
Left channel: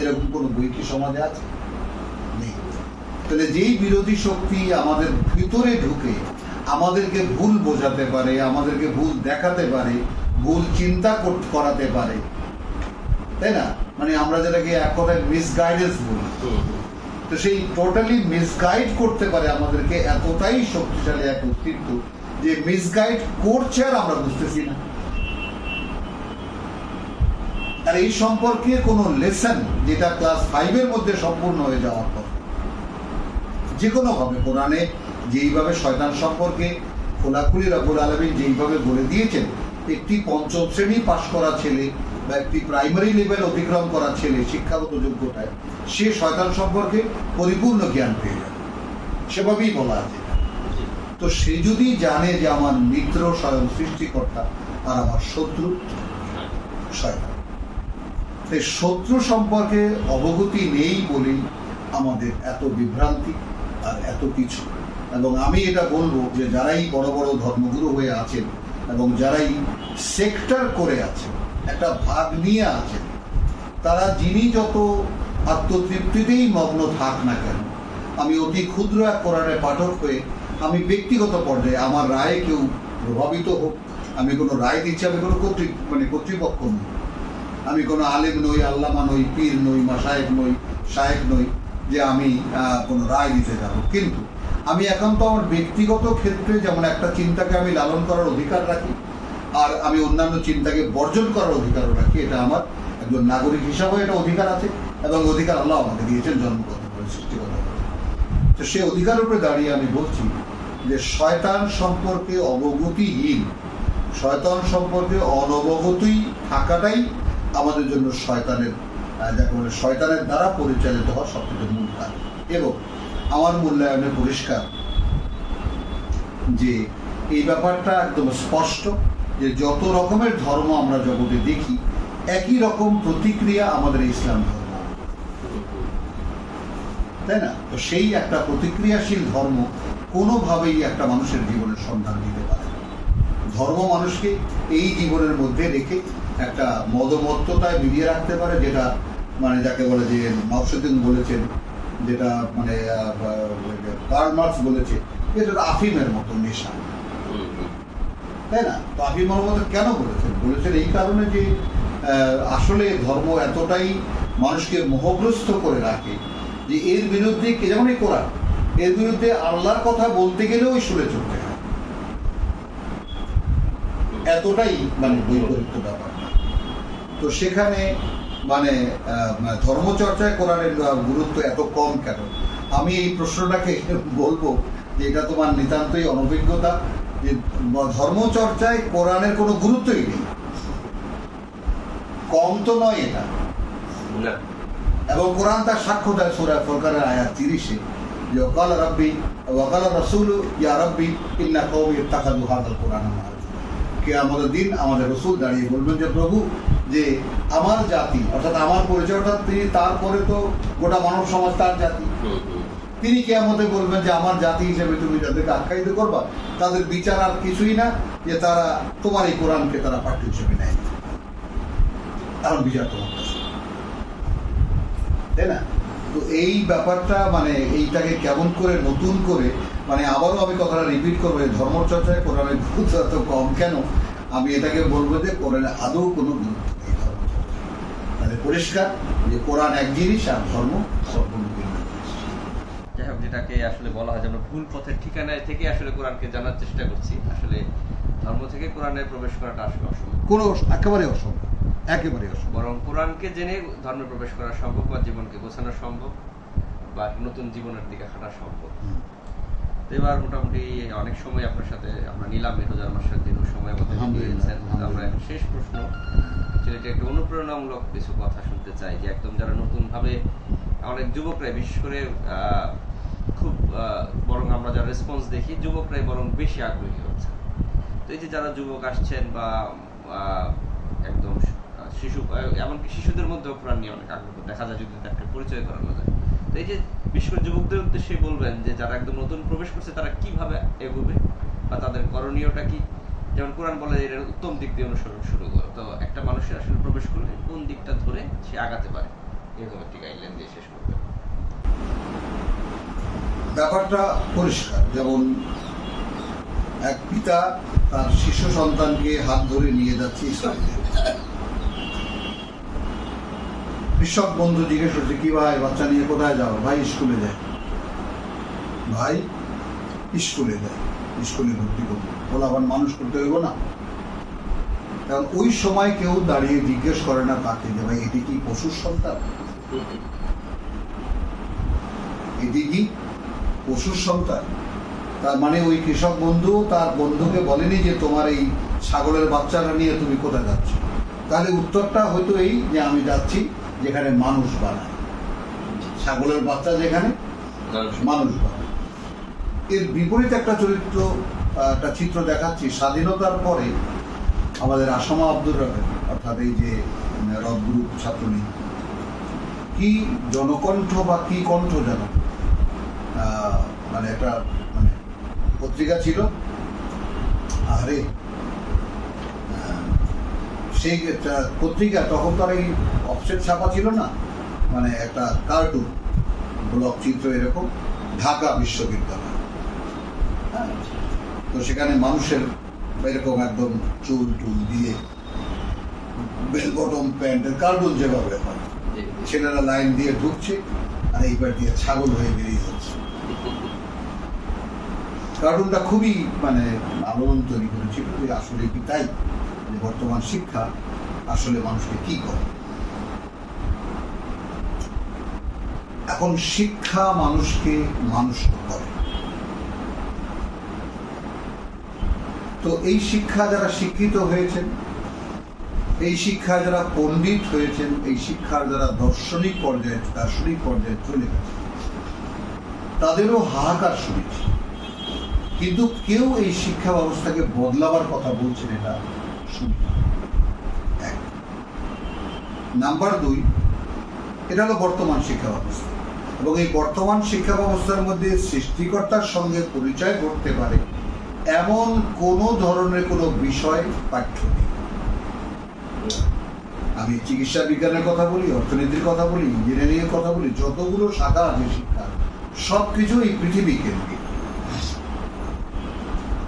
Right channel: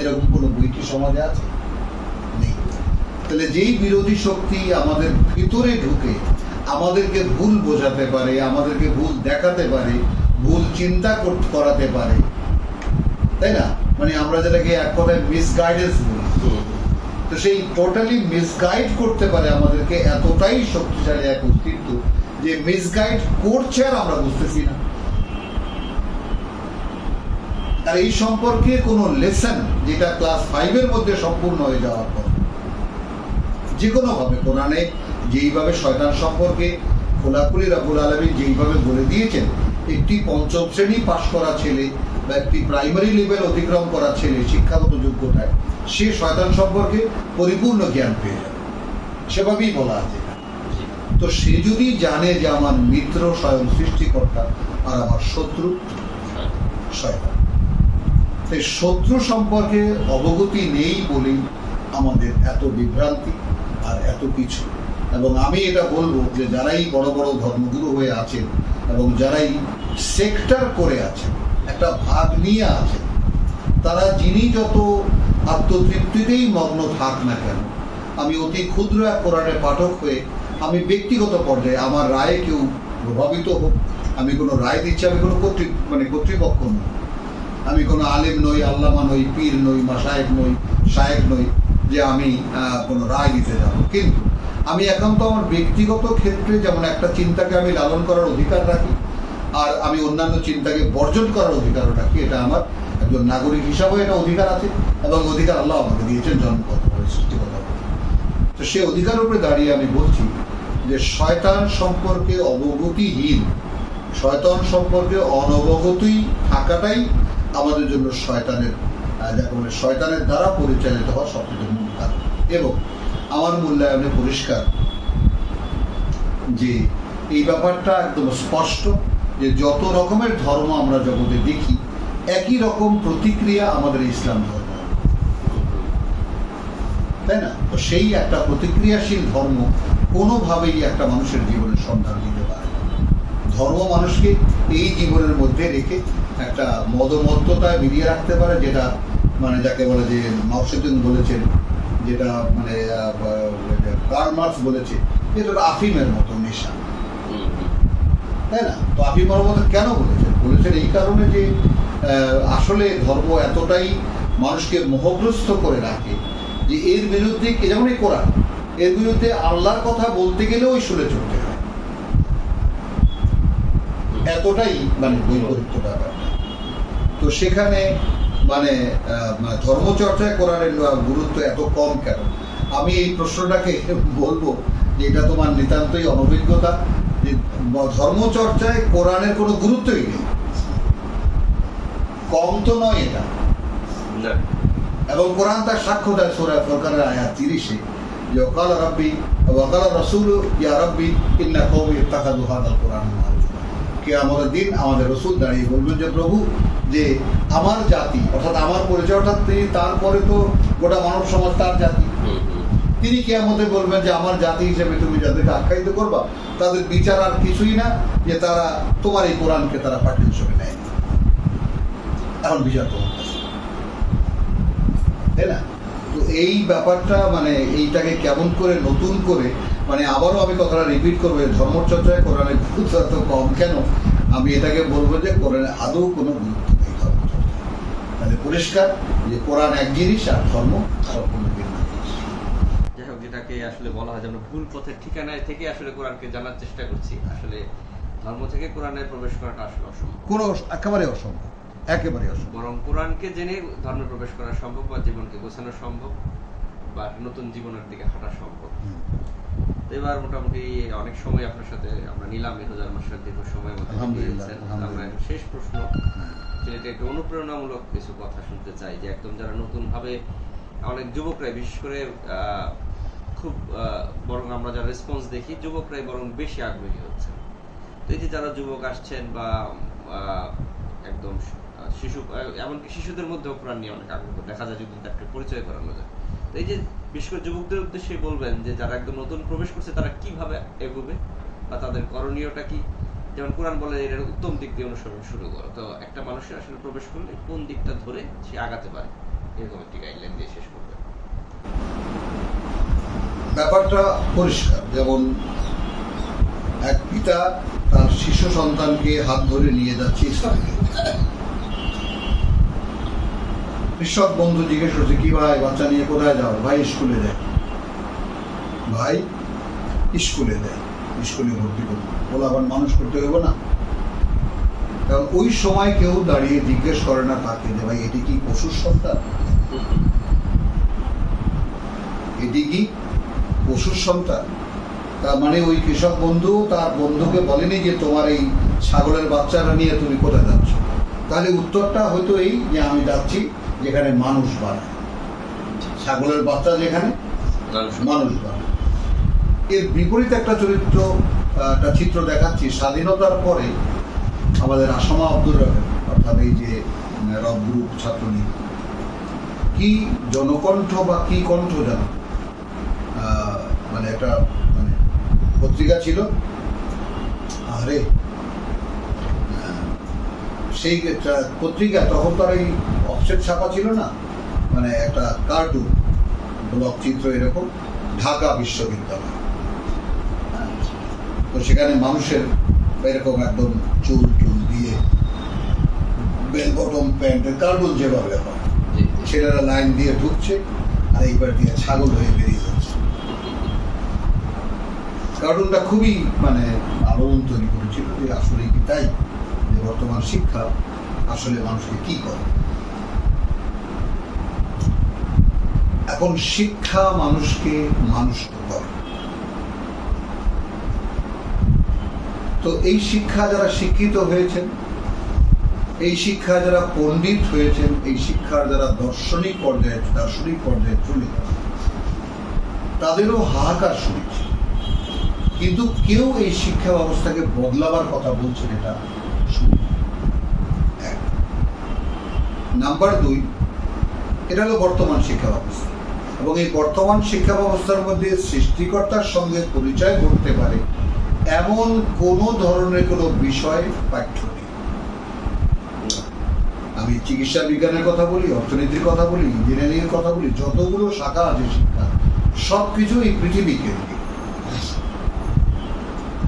এরকম কোন বই কি সমাজে আছে? নেই। তাহলে যেই বিরোধী শক্তি আমাদের ভিতরে ঢুকে আমাদেরকে ভুল বোঝাতে পারে, আমাদেরকে ভুল দেখাতে পারে, ভুল চিন্তা করাতে পারে, তাই না, মানে আমরা যেটাকে এক কথায় মিসগাইডেন্স বলি, তো সেই টোটালি মিসগাইড করতে পারে আমাদেরকে, এতটাই শক্তিশালী এক অস্তিত্ব যে মিসগাইড করছে আর আমরা বুঝতেছি না। আর এই সম্পর্কে কোন লেসন যেটা ক্লাস 5-এর মধ্যে সম্পূর্ণ হয়ে যাওয়ার পর যে কোনো ভাবে কোরআনে যেইভাবে শয়তান সম্পর্কে খোলাখুলি রব্বুল আলামিন যেইভাবে বলে দিয়েছেন, একটি 5ম শ্রেণী পাশ করা ছেলে বা একটি প্রাইমারি লেভেল অতিক্রম করা ছেলে শিক্ষাগত যোগ্যতায় সে শয়তান সম্পর্কে পরিপূর্ণ জ্ঞান পেয়ে যাবে, সেভাবেই বলা আছে। তো সে যদি জানে যে আমার মিত্র স্বয়ং সৃষ্টিকর্তা আর আমার শত্রু শয়তান, সেই শত্রু সম্পর্কে অবগতি নেই বলেই আমাদের এত বিভ্রান্তি আর এত কিছু। এবং আমি এটা বলবো যে যারাই বড় বড় ধর্মগুরু হয়ে আছেন এবং যারাই সেক্টর করে আছেন, একটা ভাগ নিয়ে আছেন, তারা যিনি যত আত্মতৃপ্তিতেই মগ্ন থাক না কেন, আমি অতি ক্ষুদ্র এক কোরআনের পাঠক হয়ে আমি ব্যক্তিগত পর্যায়ে আমার রায়ে কেউ প্রভাবিত হোক, আমি কোনো রায় দিচ্ছি, আমি কোনো কর্তৃপক্ষ নই, আমি কোনো আলেম নই, আল্লামা নই, পীর নই, মাশায়েখ নই, শায়েখ নই যে আমি কোনো রায় দিতে যাব। কিন্তু আমি এখন তো আমার ব্যক্তিগত ক্ষেত্রে যেমন একটা চিন্তাকে আমি লালন করার অধিকার রাখি, আর আমি অন্যান্য চিন্তাকে বর্জন করার অধিকারও রাখি, এটা আমার একজন নাগরিক হিসাবে এটা অধিকার আছে, এবং অধিকার আল্লাহ আমাকে দিয়েছেন জন্মগতভাবে, সৃষ্টিগতভাবে। তো সে অধিকারের উপরে দাঁড়িয়ে আমি বলছি যে শয়তান সম্পর্কে অবগতিহীন, শয়তান সম্পর্কে অনবগতই থাকাটাই আমাদের জন্য শয়তানের, যাকে বলে শয়তানের দ্বারা পরিচালিত হওয়া সবচেয়ে মূল কারণ। এবং আমার মূল্যায়নে পরিষ্কার যে এই ব্যাপারটা একদম স্পষ্ট যে যত রকমের ধর্ম আমরা জগতে দেখি একই রকম প্রতিক্রিয়া আমাদের ইসলাম ধর্ম, তাই না? তো সেই একটা প্রতিক্রিয়াশীল ধর্ম কোনোভাবেই একটা মানুষের জীবনের সন্ধান দিতে পারে না। ধর্ম মানুষকে এই জীবনের মধ্যে রেখে একটা মদমত্ততায় মিলিয়ে রাখতে পারে, যেটা মানে যাকে বলে যে মাউসুদ্দিন বলেছেন, যেটা মানে কার্ল মার্কস বলেছে, এটা আফিমের মতো নেশা, তাই না? তো আফিমের মতো কেন বলেছেন এই কারণে যে আসলে ধর্ম এতটাই মানুষকে মোহগ্রস্ত করে রাখে যে এর বিরুদ্ধে, যেমন এই কোরআন, এর বিরুদ্ধে আল্লাহর কথা বলতে গেলেও ওই শুনে চলতে হয়, এতটাই মানে বৈপরীত্য ব্যাপারটা। তো সেখানে মানে ধর্মচর্চায় কোরআনের গুরুত্ব এত কম কেন? আমি এই প্রশ্নটাকে বলবো যে এটা তোমার নিতান্তই অনভিজ্ঞতা, যে ধর্মচর্চায় কোরআনের কোনো গুরুত্বই নেই, কম তো নয় এটা। এবং কোরআন তার সাক্ষ্য দেয় সূরা ফুরকানের আয়াত 30-এ, যে ওয়াকাল রাব্বি ওয়াকাল রাসূল ইয়া রাব্বি ইন্না কওমি ইত্তাখাযু হাযাল কুরআনা মাহজুরা। কিয়ামতের দিন আমাদের রাসূল দাঁড়িয়ে বলবেন যে প্রভু, যে আমার জাতি, অর্থাৎ আমার পরিচয়, অর্থাৎ তিনি, তারপরে তো গোটা মানব সমাজ তার জাতি, তিনি কিয়ামতে বলবেন যে আমার জাতি হিসেবে তুমি যাদেরকে আখ্যায়িত করবা তাদের বিচার আর কিছুই না যে তারা তোমার এই কোরআনকে তারা পাঠ্য হিসেবে নেয়, এখন বিচার তোমার কাছে, তাই না? তো এই ব্যাপারটা মানে এইটাকে কেমন করে নতুন করে, মানে আবারও আমি কথাটা রিপিট করবো, ধর্মচর্চায় কোরআনের গুরুত্ব এত কম কেন? আমি এটাকে বলবো যে কোরআনে আদৌ কোনো গুরুত্ব নেই ধর্মচর্চায়। তাহলে পরিষ্কার যে কোরআন এক জিনিস আর ধর্ম সম্পূর্ণ ভিন্ন জিনিস। যাই হোক, যেটাকে আসলে বলা হয় যেন ভুল পথের ঠিকানায় থেকে আসলে কোরআনকে জানার চেষ্টা করছি, আসলে ধর্ম থেকে কোরআনে প্রবেশ করাটা আসলে অসম্ভব, কোনো একেবারে অসম্ভব, একেবারে অসম্ভব। বরং কোরআনকে জেনে ধর্মে প্রবেশ করা সম্ভব, বা জীবনকে গোছানো সম্ভব, বা নতুন জীবনের দিকে হাঁটা সম্ভব। এবার মোটামুটি অনেক সময় আপনার সাথে আমরা নিলাম, মেহজার মাস্টার দীর্ঘ সময় আমাদের দিয়েছেন। আমরা শেষ প্রশ্ন, সেটা একটু অনুপ্রেরণামূলক কিছু কথা শুনতে চাই, যে একদম যারা নতুন ভাবে, অনেক যুবকরাই বিশেষ করে খুব বরং আমরা যারা রেসপন্স দেখি, যুবকরাই বরং বেশি আগ্রহী হচ্ছে। তো এই যে যারা যুবক আসছেন বা একদম শিশু, এমনকি শিশুদের মধ্যেও কোরআন নিয়ে অনেক আগ্রহ দেখা যায় যদি একটা পরিচয় করানো যায়। তো এই যে বিশেষ করে যুবকদের উদ্দেশ্যে বলবেন যে যারা একদম নতুন প্রবেশ করছে তারা কিভাবে এগোবে বা তাদের করণীয়টা কি? যেমন কোরআন বলে এর উত্তম দিক দিয়ে অনুসরণ শুরু করো। তো একটা মানুষের আসলে প্রবেশ করলে কোন দিকটা ধরে সে আগাতে পারে, এরকম একটি গাইডলাইন দিয়ে শেষ করবে। ব্যাপারটা পরিষ্কার। যেমন এক পিতা তার শিশু সন্তানকে হাত ধরে নিয়ে যাচ্ছে স্কুলে। কৃষক বন্ধু জিজ্ঞেস করছে, কি ভাই বাচ্চা নিয়ে কোথায় যাও? ভাই স্কুলে যায়। ভাই স্কুলে যায়, স্কুলে ভর্তি করবো, বলে আবার মানুষ করতে হইব না? কারণ ওই সময় কেউ দাঁড়িয়ে জিজ্ঞেস করে না তাকে যে ভাই এটি কি পশুর সন্তান? এটি কি পশুর সন্তান? তার মানে ওই কৃষক বন্ধু তার বন্ধুকে বলেনি যে তোমার এই ছাগলের বাচ্চাটা নিয়ে তুমি কোথায় যাচ্ছ। তাহলে উত্তরটা হয়তো এই যে আমি যাচ্ছি যেখানে মানুষ বানায়, ছাগলের বাচ্চা যেখানে মানুষ বানায়। এর বিপরীত একটা চরিত্র, একটা চিত্র দেখাচ্ছি। স্বাধীনতার পরে আমাদের আসমা আব্দুর রহমান, অর্থাৎ এই যে রব গ্রুপ ছাত্রলীগ, কি জনকণ্ঠ বা কি কণ্ঠ জানো, মানে একটা মানে পত্রিকা ছিল, আরে সেই পত্রিকা তখন তার এই অফসেট ছাপা ছিল না, মানে একটা কার্টুন ব্লক চিত্র এরকম, ঢাকা বিশ্ববিদ্যালয়। তো সেখানে মানুষের এরকম একদম চুল টুল দিয়ে বেল বটম প্যান্টের কার্টুন যেভাবে হয়, ছেলেরা লাইন দিয়ে ঢুকছে আর এইবার দিয়ে ছাগল হয়ে বেরিয়ে যাচ্ছে। কার্টুনটা খুবই মানে আলোড়ন তৈরি করেছিল যে আসলে কি তাই, যে বর্তমান শিক্ষা আসলে মানুষকে কি করে। এখন শিক্ষা মানুষকে মানুষ করে। তো এই শিক্ষা যারা শিক্ষিত হয়েছেন, এই শিক্ষা যারা পণ্ডিত হয়েছেন, এই শিক্ষার যারা দার্শনিক পর্যায়ে চলে গেছে, তাদেরও হাহাকার শুনেছে। কিন্তু কেউ এই শিক্ষা ব্যবস্থাকে বদলাবার কথা বলছেন এটা শুনি। এক নাম্বার 2, এটা হলো বর্তমান শিক্ষা ব্যবস্থা, এবং এই বর্তমান শিক্ষা ব্যবস্থার মধ্যে সৃষ্টিকর্তার সঙ্গে পরিচয় করতে পারে এমন কোন ধরনের কোনো বিষয় পাঠ্য নেই। আমি চিকিৎসা বিজ্ঞানের কথা বলি, অর্থনীতির কথা বলি, ইঞ্জিনিয়ারিং এর কথা বলি, যতগুলো শাখা আছে শিক্ষা, সবকিছু এই পৃথিবী কেন্দ্রিক।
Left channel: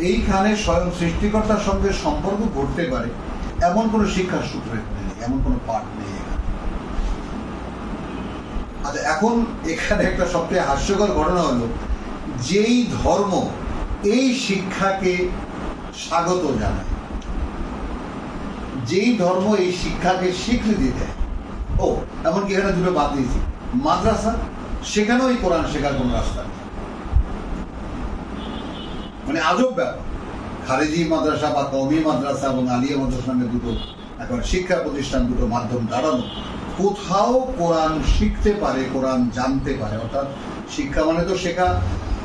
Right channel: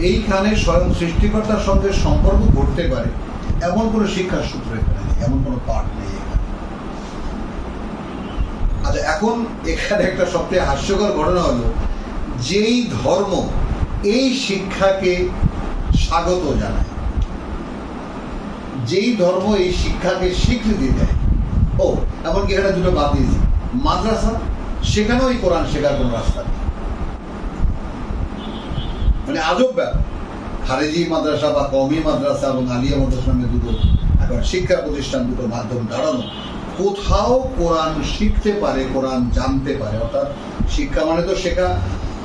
এইখানে স্বয়ং সৃষ্টিকর্তার সঙ্গে সম্পর্ক ঘটতে পারে এমন কোন শিক্ষার সূত্র এখানে নেই, এমন কোন পাঠ নেই এখানে। আচ্ছা, এখন এখানে একটা সবচেয়ে হাস্যকর ঘটনা হলো, যেই ধর্ম এই শিক্ষাকে স্বাগত জানায়, যেই ধর্ম এই শিক্ষাকে স্বীকৃতি দেয়, ও এমনকি এখানে দুটো বাদ দিয়েছি, মাদ্রাসা, সেখানেও এই কোরআন শেখার কোন রাস্তা নেই। মানে আজব ব্যাপার। খারেজি মাদ্রাসা বা কওমি মাদ্রাসা এবং আলিয়া মাদ্রাসা নামে দুটো এখন শিক্ষা প্রতিষ্ঠান, দুটো মাধ্যম দাঁড়ানো, কোথাও কোরআন শিখতে পারে, কোরআন জানতে পারে। অর্থাৎ শিক্ষা মানে তো শেখা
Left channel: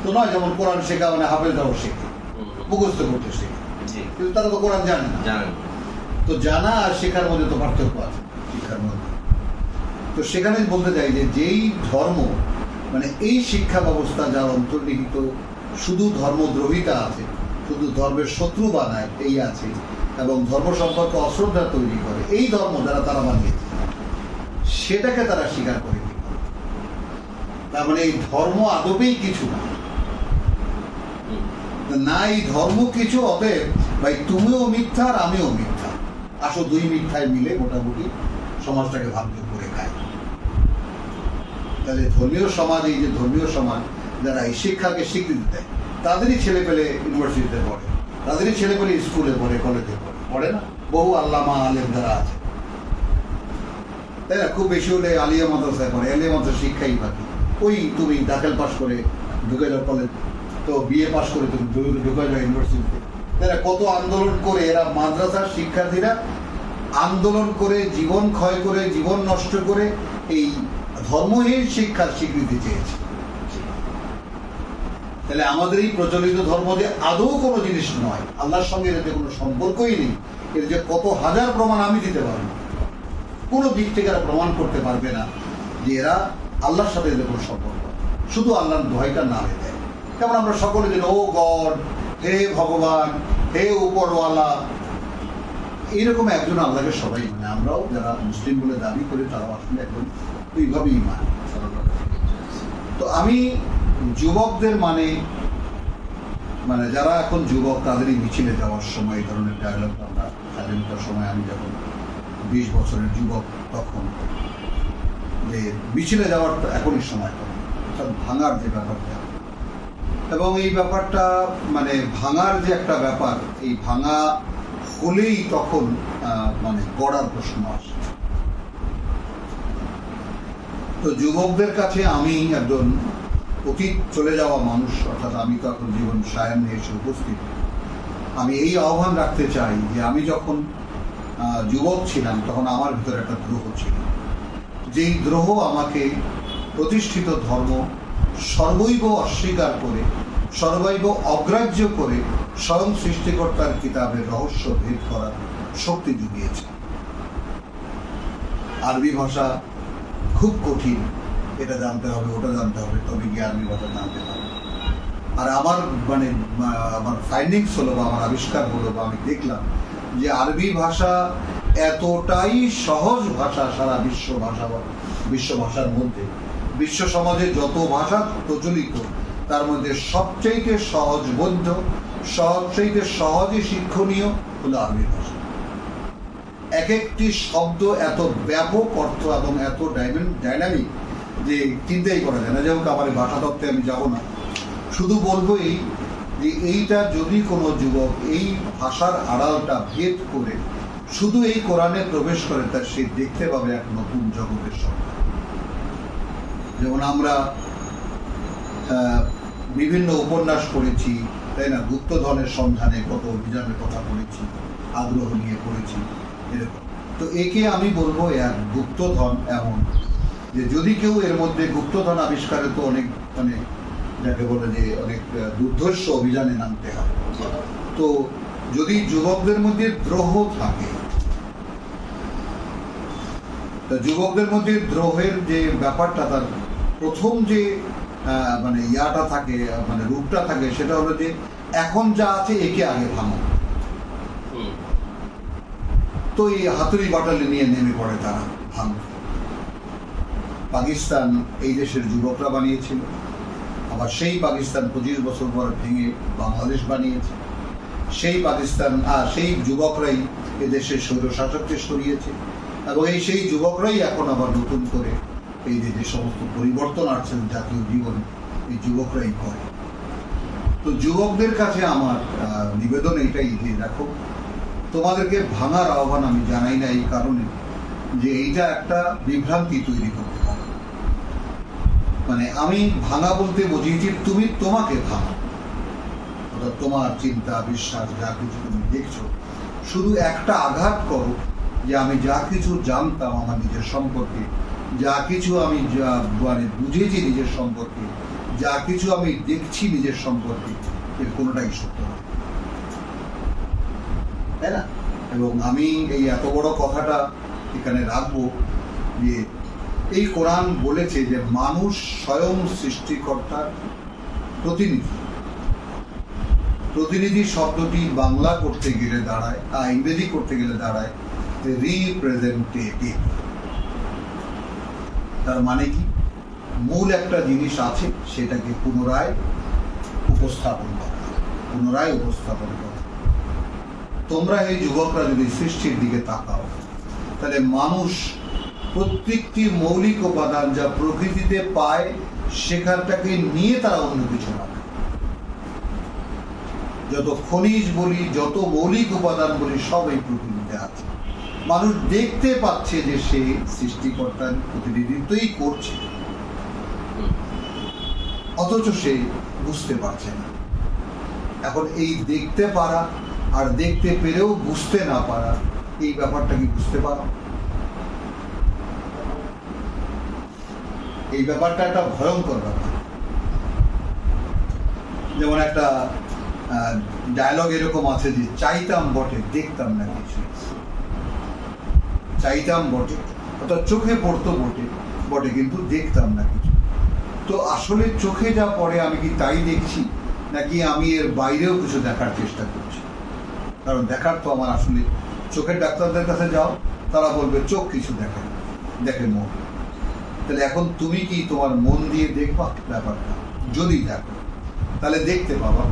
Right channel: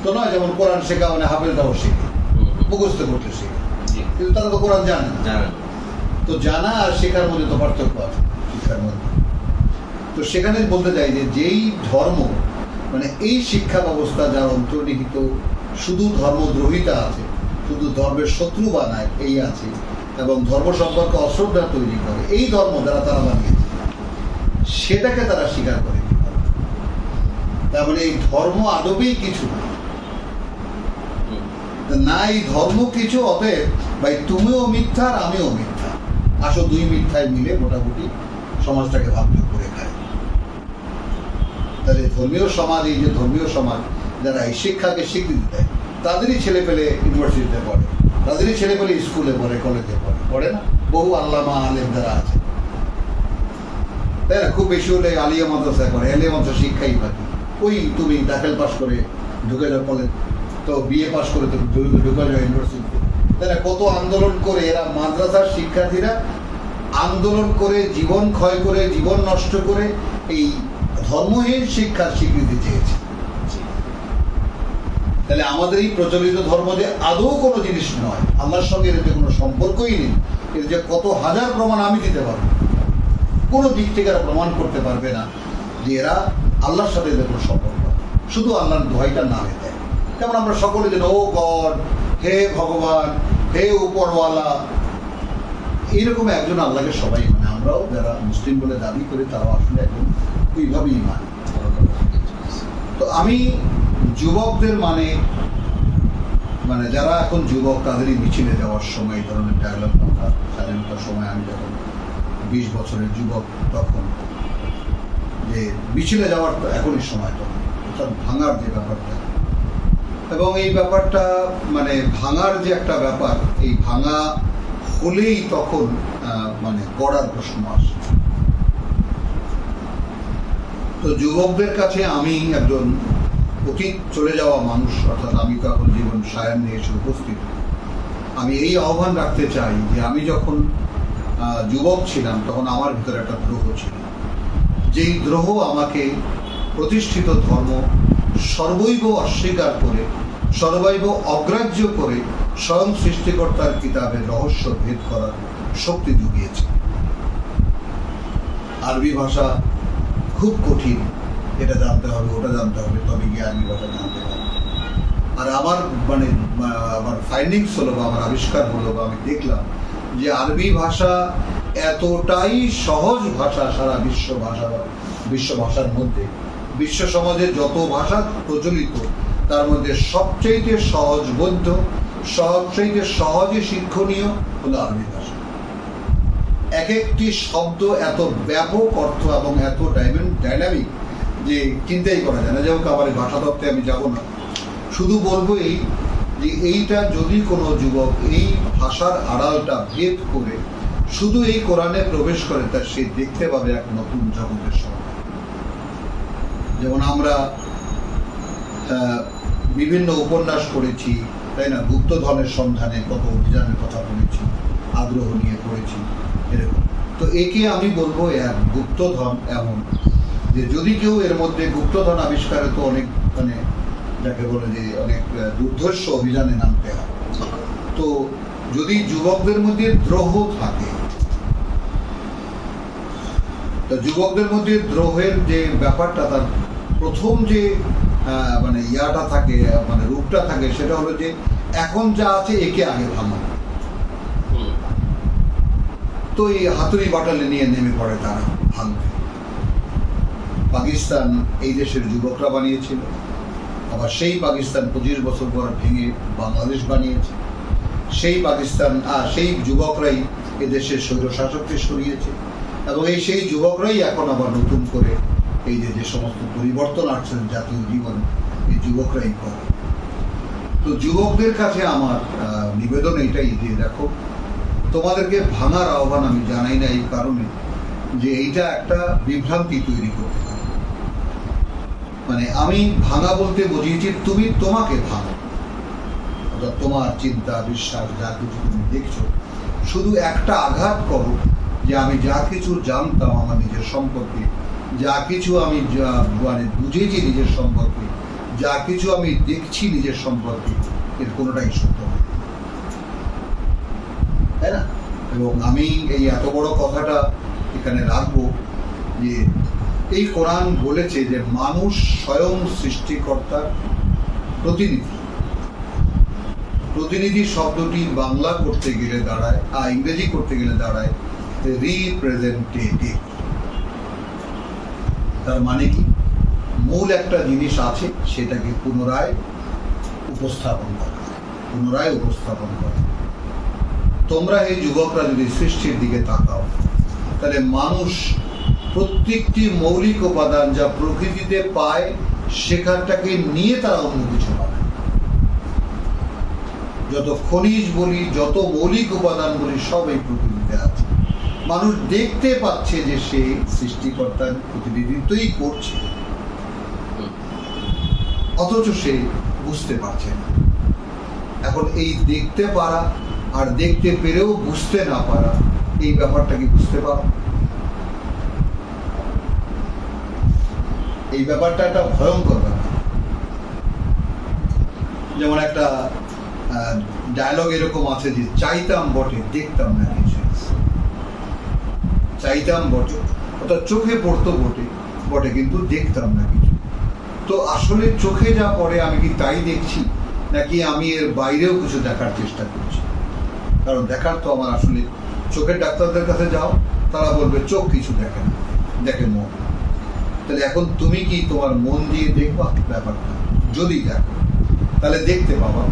তো নয়, যেমন কোরআন শেখা মানে হাফেজরাও শেখে, মুখস্থ করতে শেখে, কিন্তু তারা তো কোরআন জানে না। তো জানা আর শেখার মধ্যে তো পার্থক্য আছে শিক্ষার মধ্যে। তো সেখানে বলতে চাই যে যেই ধর্ম মানে এই শিক্ষা ব্যবস্থা যার অন্তর্নিহিত শুধু ধর্মদ্রোহিতা আছে, শুধু ধর্মের শত্রু বানায় এই আছে, এবং ধর্ম সম্পর্কে অশ্রদ্ধা তৈরি করে, এই ধর্ম যারা তারা বানিয়েছে সেটাকে তারা স্বীকার করে। তার মানে এই ধর্ম আদবেই কিছু না, এই ধর্ম কিছু, অতএব ভাই তুমিও মিথ্যা আর আমিও মিথ্যা, আসো দুই মিথ্যায় মিলে মোটামুটি সমাজটাকে ভাবযোগ করে খায়। তাহলে ধর্মীয় সমাজ, এই যে ধর্মীয় সমাজ যারা এই শিক্ষাকে স্বীকৃতি দেয়, তাদেরই ছেলে পেলে ইউনিভার্সিটিতে পড়ে, তাদেরই ছেলে পেলে স্কুলে পড়ে, কলেজে পড়ে না? বহু আল্লামা আলেম যারা আছে, তাই না? খুব বেশি হলে আলিয়া মাদ্রাসায় পড়ে, আলিয়া মাদ্রাসা শিক্ষাই বাকি। ওই তুমি দাখিল পাস করে ঢুকে যাও কলেজ, তো বিএ পাস করে তো ঢুকা যায় ইউনিভার্সিটিতে। তারা কত আন্দোলন করে, এরা মাদ্রাসার শিক্ষার্থীরা আন্দোলন করে, জীবন ক্ষয় করে, জীবন নষ্ট করে এই ধর্মহীন শিক্ষার স্বীকৃতি চেয়েছে। তাহলে আমাদের এই প্রচলিত ধর্ম যে আদৌ কোনো জিনিস নয়, আল্লাহর সঙ্গে এর যে কোনো সম্পর্কই নেই, এর যে কত হাজার প্রমাণ আমি দিতে পারবো, কোনো দিক থেকে এরা প্রমাণ করতে পারবে না যে এরা আল্লাহর সাথে এদের কোনো সম্পর্ক, শুধু আল্লাহর দোহাইটার নামে দেয়। যেমন আমরা সকলে যেন ও গড, হে ভগবান, হে উপরওয়ালা, এইরকম একজন আল্লাহকে সবাই মানে, আমরাও যারা মুসলিম বলে দাবি করি তারাও আসলে একজন ওইভাবেই মানে। তো আমি যুবকদের মানে যারা এখন যুবক তাদেরই মিছিলে যাওয়ার সময় এই ধরনের ডায়লগ, আমরা স্বাধীনতার সময় আমি যখন 20 বছরের যুবক তখন যে মিছিলে যাওয়ার এখনই সময়, তখন অর্থাৎ ভাঙার যে ব্যাপারটা, এবং এই ব্যাপারটা মানে ভাঙার যে একটা ব্যাপার, এই ভাঙা হলেই তখন মানে গড়ার প্রশ্ন আসে। তো যুবকদের কাছে আমি একজন অতীত চলে যাওয়া মানুষ, অর্থাৎ আমি তো এখন জীবন সায়ান নিয়ে এসে উপস্থিত, আমি এই আহ্বান রাখতে চাই যে আমি যখন যুবক ছিলাম তখন আমার ভিতরে একটা দ্রোহ ছিল, যেই দ্রোহ আমাকে প্রতিষ্ঠিত ধর্ম সর্বৈব অস্বীকার করে, সর্বৈব অগ্রাহ্য করে স্বয়ং সৃষ্টিকর্তার কিতাবের রহস্য ভেদ করার শক্তি জুগিয়েছে। আরবি ভাষা খুব কঠিন, এটা জানতে হবে, ওটা জানতে হবে, তবে গিয়ে আরবি ভাষা জানতে পারবে। আর আমার মানে আমার ফাইন্ডিংস হলো বা আমার আবিষ্কার হলো বা আমি দেখলাম যে আরবি ভাষা এতটাই সহজ ভাষা, সারা বিশ্ব ভাষার মধ্যে, বিশ্ব সমাজে যত ভাষা প্রচলিত তার মধ্যে সবচাইতে সহজবোধ্য, সবচাইতে সহজে শিক্ষণীয় হলো আরবি ভাষা। এক একটি শব্দ এত ব্যাপক অর্থ এবং এত ডাইনামিক যে চিন্তাই করা যায় না। যেমন আমার ভাষা তত্ত্বে আমি যাব না, শুধু বলবো এই যে এইটা যদি কোনো যুবক এই ভাষার আড়ালটা ভেদ করে শুধু এই কোরআনে প্রবেশ করে, তার সে দেখতে পাবে এক নতুন জগতের সন্ধান। যেমন আমরা বিভিন্ন উপন্যাস পড়েছি, তাই না, গুপ্তধনের সন্ধানে কত অভিযানের কথা পড়েছি, আগ্রহ নিয়ে পড়েছি এরকম। তো একে আমি বলবো এক গুপ্তধন এমন যে যদি কেউ এর মধ্যে গুপ্তধন আবিষ্কারে তো অনেক মানে যাকে বলে যে অনেক দুর্ধর্ষ অভিযানে নামতে হয়। তো যদি যুবকদের মধ্যে দ্রোহ থাকে, যুবকদের মধ্যে দ্রোহের যে ব্যাপারটা, তার প্রথম যে মানে ইয়াটা থাকে, মানে রূপটা থাকে, সেটা হলো যে এখন যা আছে একে আগে ভাঙো। তো এই হাতুড়ি বাটালি নিয়ে নেমে পড়ে তারা ভাঙবে। পাকিস্তান এই দেশের যুবকরা বানিয়েছিল, আবার সেই পাকিস্তান 25 বছর পর ভেঙে বাংলাদেশ বানিয়েছে। সেই পাকিস্তান আর সেই যুবকরাই এদেশের স্বৈরশাসককে সরিয়েছে, এবং সেই যুবকরাই এখন আবার নতুন করে এই যে সমস্ত পরিবর্তন আসছে জাতীয় জীবনে, এই যুবকরাই করে। তো যুবকদের কাছে আমার নিবেদন এটাই যে দেখো, তোমাদেরকে ভাঙার আহ্বান আমি জানাই না এই কারণে যে এইটা একটা বিভ্রান্তি তৈরি করতে পারে। মানে আমি ভাঙা বলতে বুঝিয়েছি তুমি তোমাকে ভাঙো, অর্থাৎ তোমার চিন্তা বিশ্বাস যা কিছু তুমি দেখছো শুধু একটা আঘাত করো যে আমি যা কিছু জানতাম আমার নিজের সম্পর্কে, যা কিছু আমি মানে বুঝেছি নিজের সম্পর্কে, যা কিছু আমি দেখছি নিজের সম্পর্কে, এর কোনোটাই সত্য নয়, তাই না? এবং আমি এই এত বড় কথাটা এখানে রাখবো যে এই কোরআন বলেছে যে মানুষ স্বয়ং সৃষ্টিকর্তার প্রতিনিধি। প্রতিনিধি শব্দটি বাংলা করতে গেলে দাঁড়ায়, ইংরেজি করতে গেলে দাঁড়ায় রিপ্রেজেন্টেটিভ। তার মানে কি, মূল একটা জিনিস আছে সেটাকে পুনরায় উপস্থাপন করা। তোমরা এই যুবকরা যদি সৃষ্টির দিকে তাকাও, তাহলে মানুষ প্রত্যেকটি মৌলিক উপাদান যা প্রকৃতিতে পায় সেখানটাকে নিয়ে তারা অন্য কিছু বানায়। যত খনিজ বলি, যত মৌলিক উপাদান বলি, সব এই প্রকৃতিতে আছে। মানুষ দেখতে পাচ্ছে যে সে সৃষ্টিকর্তার প্রতিনিধিত্বই করছে, অথচ সে বুঝতে পারছে না। এখন এই দেখতে পারা আর দেখতে পেরেও বুঝতে না পারা, এই ব্যাপারটা কি বুঝতে পারো? এই ব্যাপারটা একটা ভয়ঙ্কর ব্যাপার। যেমন একটা ডায়লগ এরকম আছে যে চাইতাম বটে দেখতাম না কিছু, চাইতাম বটে অর্থাৎ চোখে পড়তো বটে বটে কিন্তু দেখতাম না কিছু। তো আসলে চোখে যা পড়ে আমি কি তাই দেখছি, নাকি আমি এর বাইরেও কিছু দেখার চেষ্টা করছি? কারণ দেখার তো আমার আসলে, চোখের ডাক্তারদের কাছে যাও, তারা বলবে চোখ কিছু দেখে না, দেখে মন। তাহলে এখন তুমি কি তোমার মন দিয়ে দেখবা ব্যাপারটা? যদি দেখো তাহলে দেখতে পাবা।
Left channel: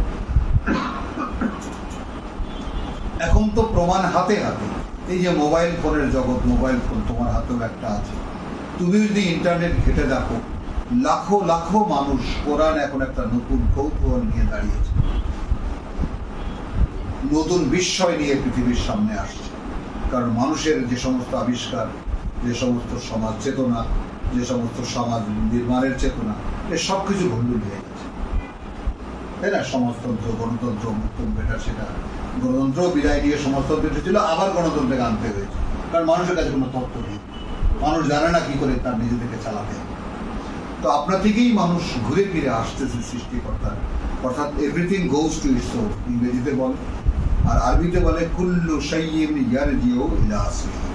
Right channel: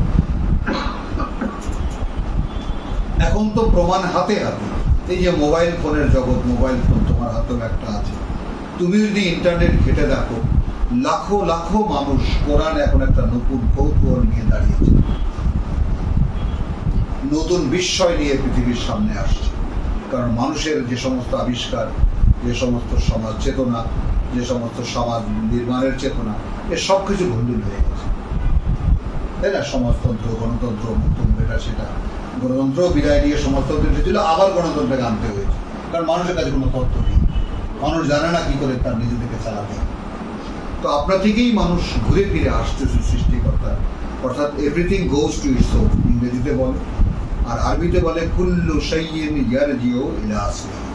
এখন তো প্রমাণ হাতে হাতে, এই যে মোবাইল ফোনের জগৎ, মোবাইল ফোন তোমার হাতেও একটা আছে। তুমি যদি ইন্টারনেট ঘেটে দেখো, লাখো লাখো মানুষ কোরআন এখন একটা নতুন কৌতূহল নিয়ে দাঁড়িয়েছে, নতুন বিস্ময় নিয়ে পৃথিবীর সামনে আসছে। কারণ মানুষের যে সমস্ত আবিষ্কার, যে সমস্ত সমাজ চেতনা, যে সমস্ত সমাজ নির্মাণের চেতনা, এর সবকিছু ভণ্ডুল হয়ে গেছে, তাই না? সমাজতন্ত্র, গণতন্ত্র, মুক্ততন্ত্র, এটা সেটা। গণতন্ত্র বিদায় দিয়ে সমাজতন্ত্র এসেছিল, আবার গণতন্ত্রকে আনতে হয়েছে, কারণ মানুষের কাছে কোনো তথ্য নেই, মানুষ জানে না কি করে তার নিজেদেরকে চালাতে হবে। তো আপনার থেকেই মানুষ ঘুরে ফিরে আসতেছে সৃষ্টিকর্তা, অর্থাৎ everything goes to its source ইংরেজিতে বলে, আর আরবিতে বলে কুল্লু শাইইন ইয়ারজিউ ইলা আসলিহি।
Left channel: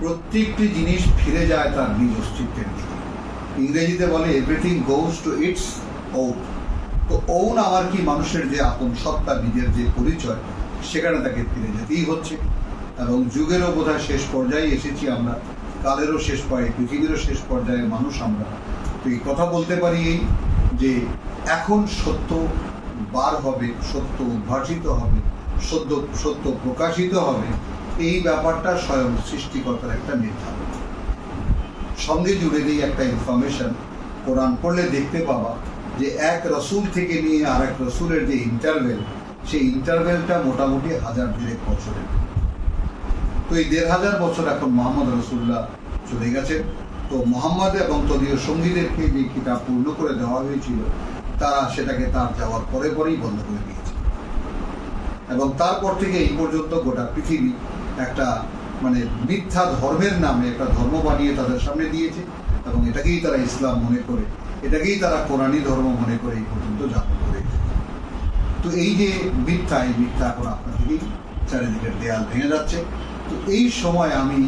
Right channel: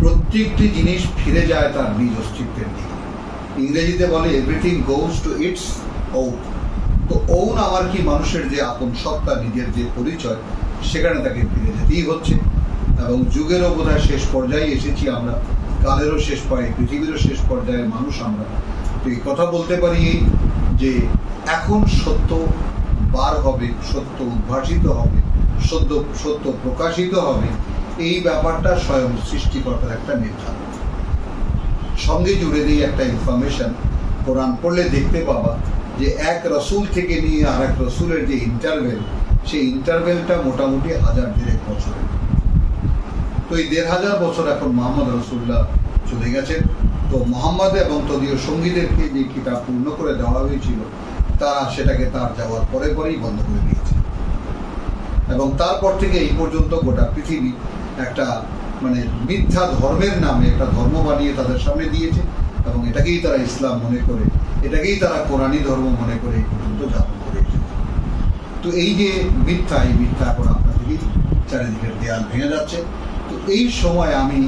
প্রত্যেকটি জিনিস ফিরে যায় তার নিজ অস্তিত্বের দিকে। ইংরেজিতে বলে everything goes to its own. তো ওন আমার কি, মানুষের যে আপন সত্তা, নিজের যে পরিচয়, সেখানে তাকে ফিরে যেতেই হচ্ছে। এবং যুগেরও বোধহয় শেষ পর্যায়ে এসেছি আমরা, কালেরও শেষ পর্যায়ে, পৃথিবীরও শেষ পর্যায়ে মানুষ আমরা। তো এই কথা বলতে পারি যে এখন সত্য বার হবে, সত্য উদ্ভাসিত হবে, সত্য প্রকাশিত হবে, এই ব্যাপারটা স্বয়ং সৃষ্টিকর্তার একটা নির্ধারণ। সঙ্গে জুড়ে দিয়ে একটা ইনফরমেশন, কোরআন পড়লে দেখতে পাবা যে এক রসুল থেকে নিয়ে আর এক রসুলের যে ইন্টারভেল, সেই ইন্টারভেলটা মোটামুটি 1000 বছরের। তো এই 1500 বছর এখন মোহাম্মদ রসুল্লাহ চলে গেছেন। তো মোহাম্মদ এবং তদীয় সঙ্গীদেরকে যে কিতাব পূর্ণ করে দেওয়া হয়েছিল, তারা সেটাকে তার যাওয়ার পরে পরেই বন্ধ করে দিয়েছে। এবং তারপর থেকে এই পর্যন্ত গোটা পৃথিবী একটা মানে মিথ্যা ধর্মের নামে একটা ধর্ম বানিয়ে তাদের সামনে দিয়েছে, এবং এটাকেই তারা ইসলাম মনে করে, এটাকেই তারা কোরআনী ধর্ম মনে করে এই পর্যন্ত যাপন করে এসেছে। তো এই যে মিথ্যা, এই মিথ্যা এখন আপনার দিকেই চারিদিকের দেয়াল ভেঙে যাচ্ছে। তো এই সময় আমি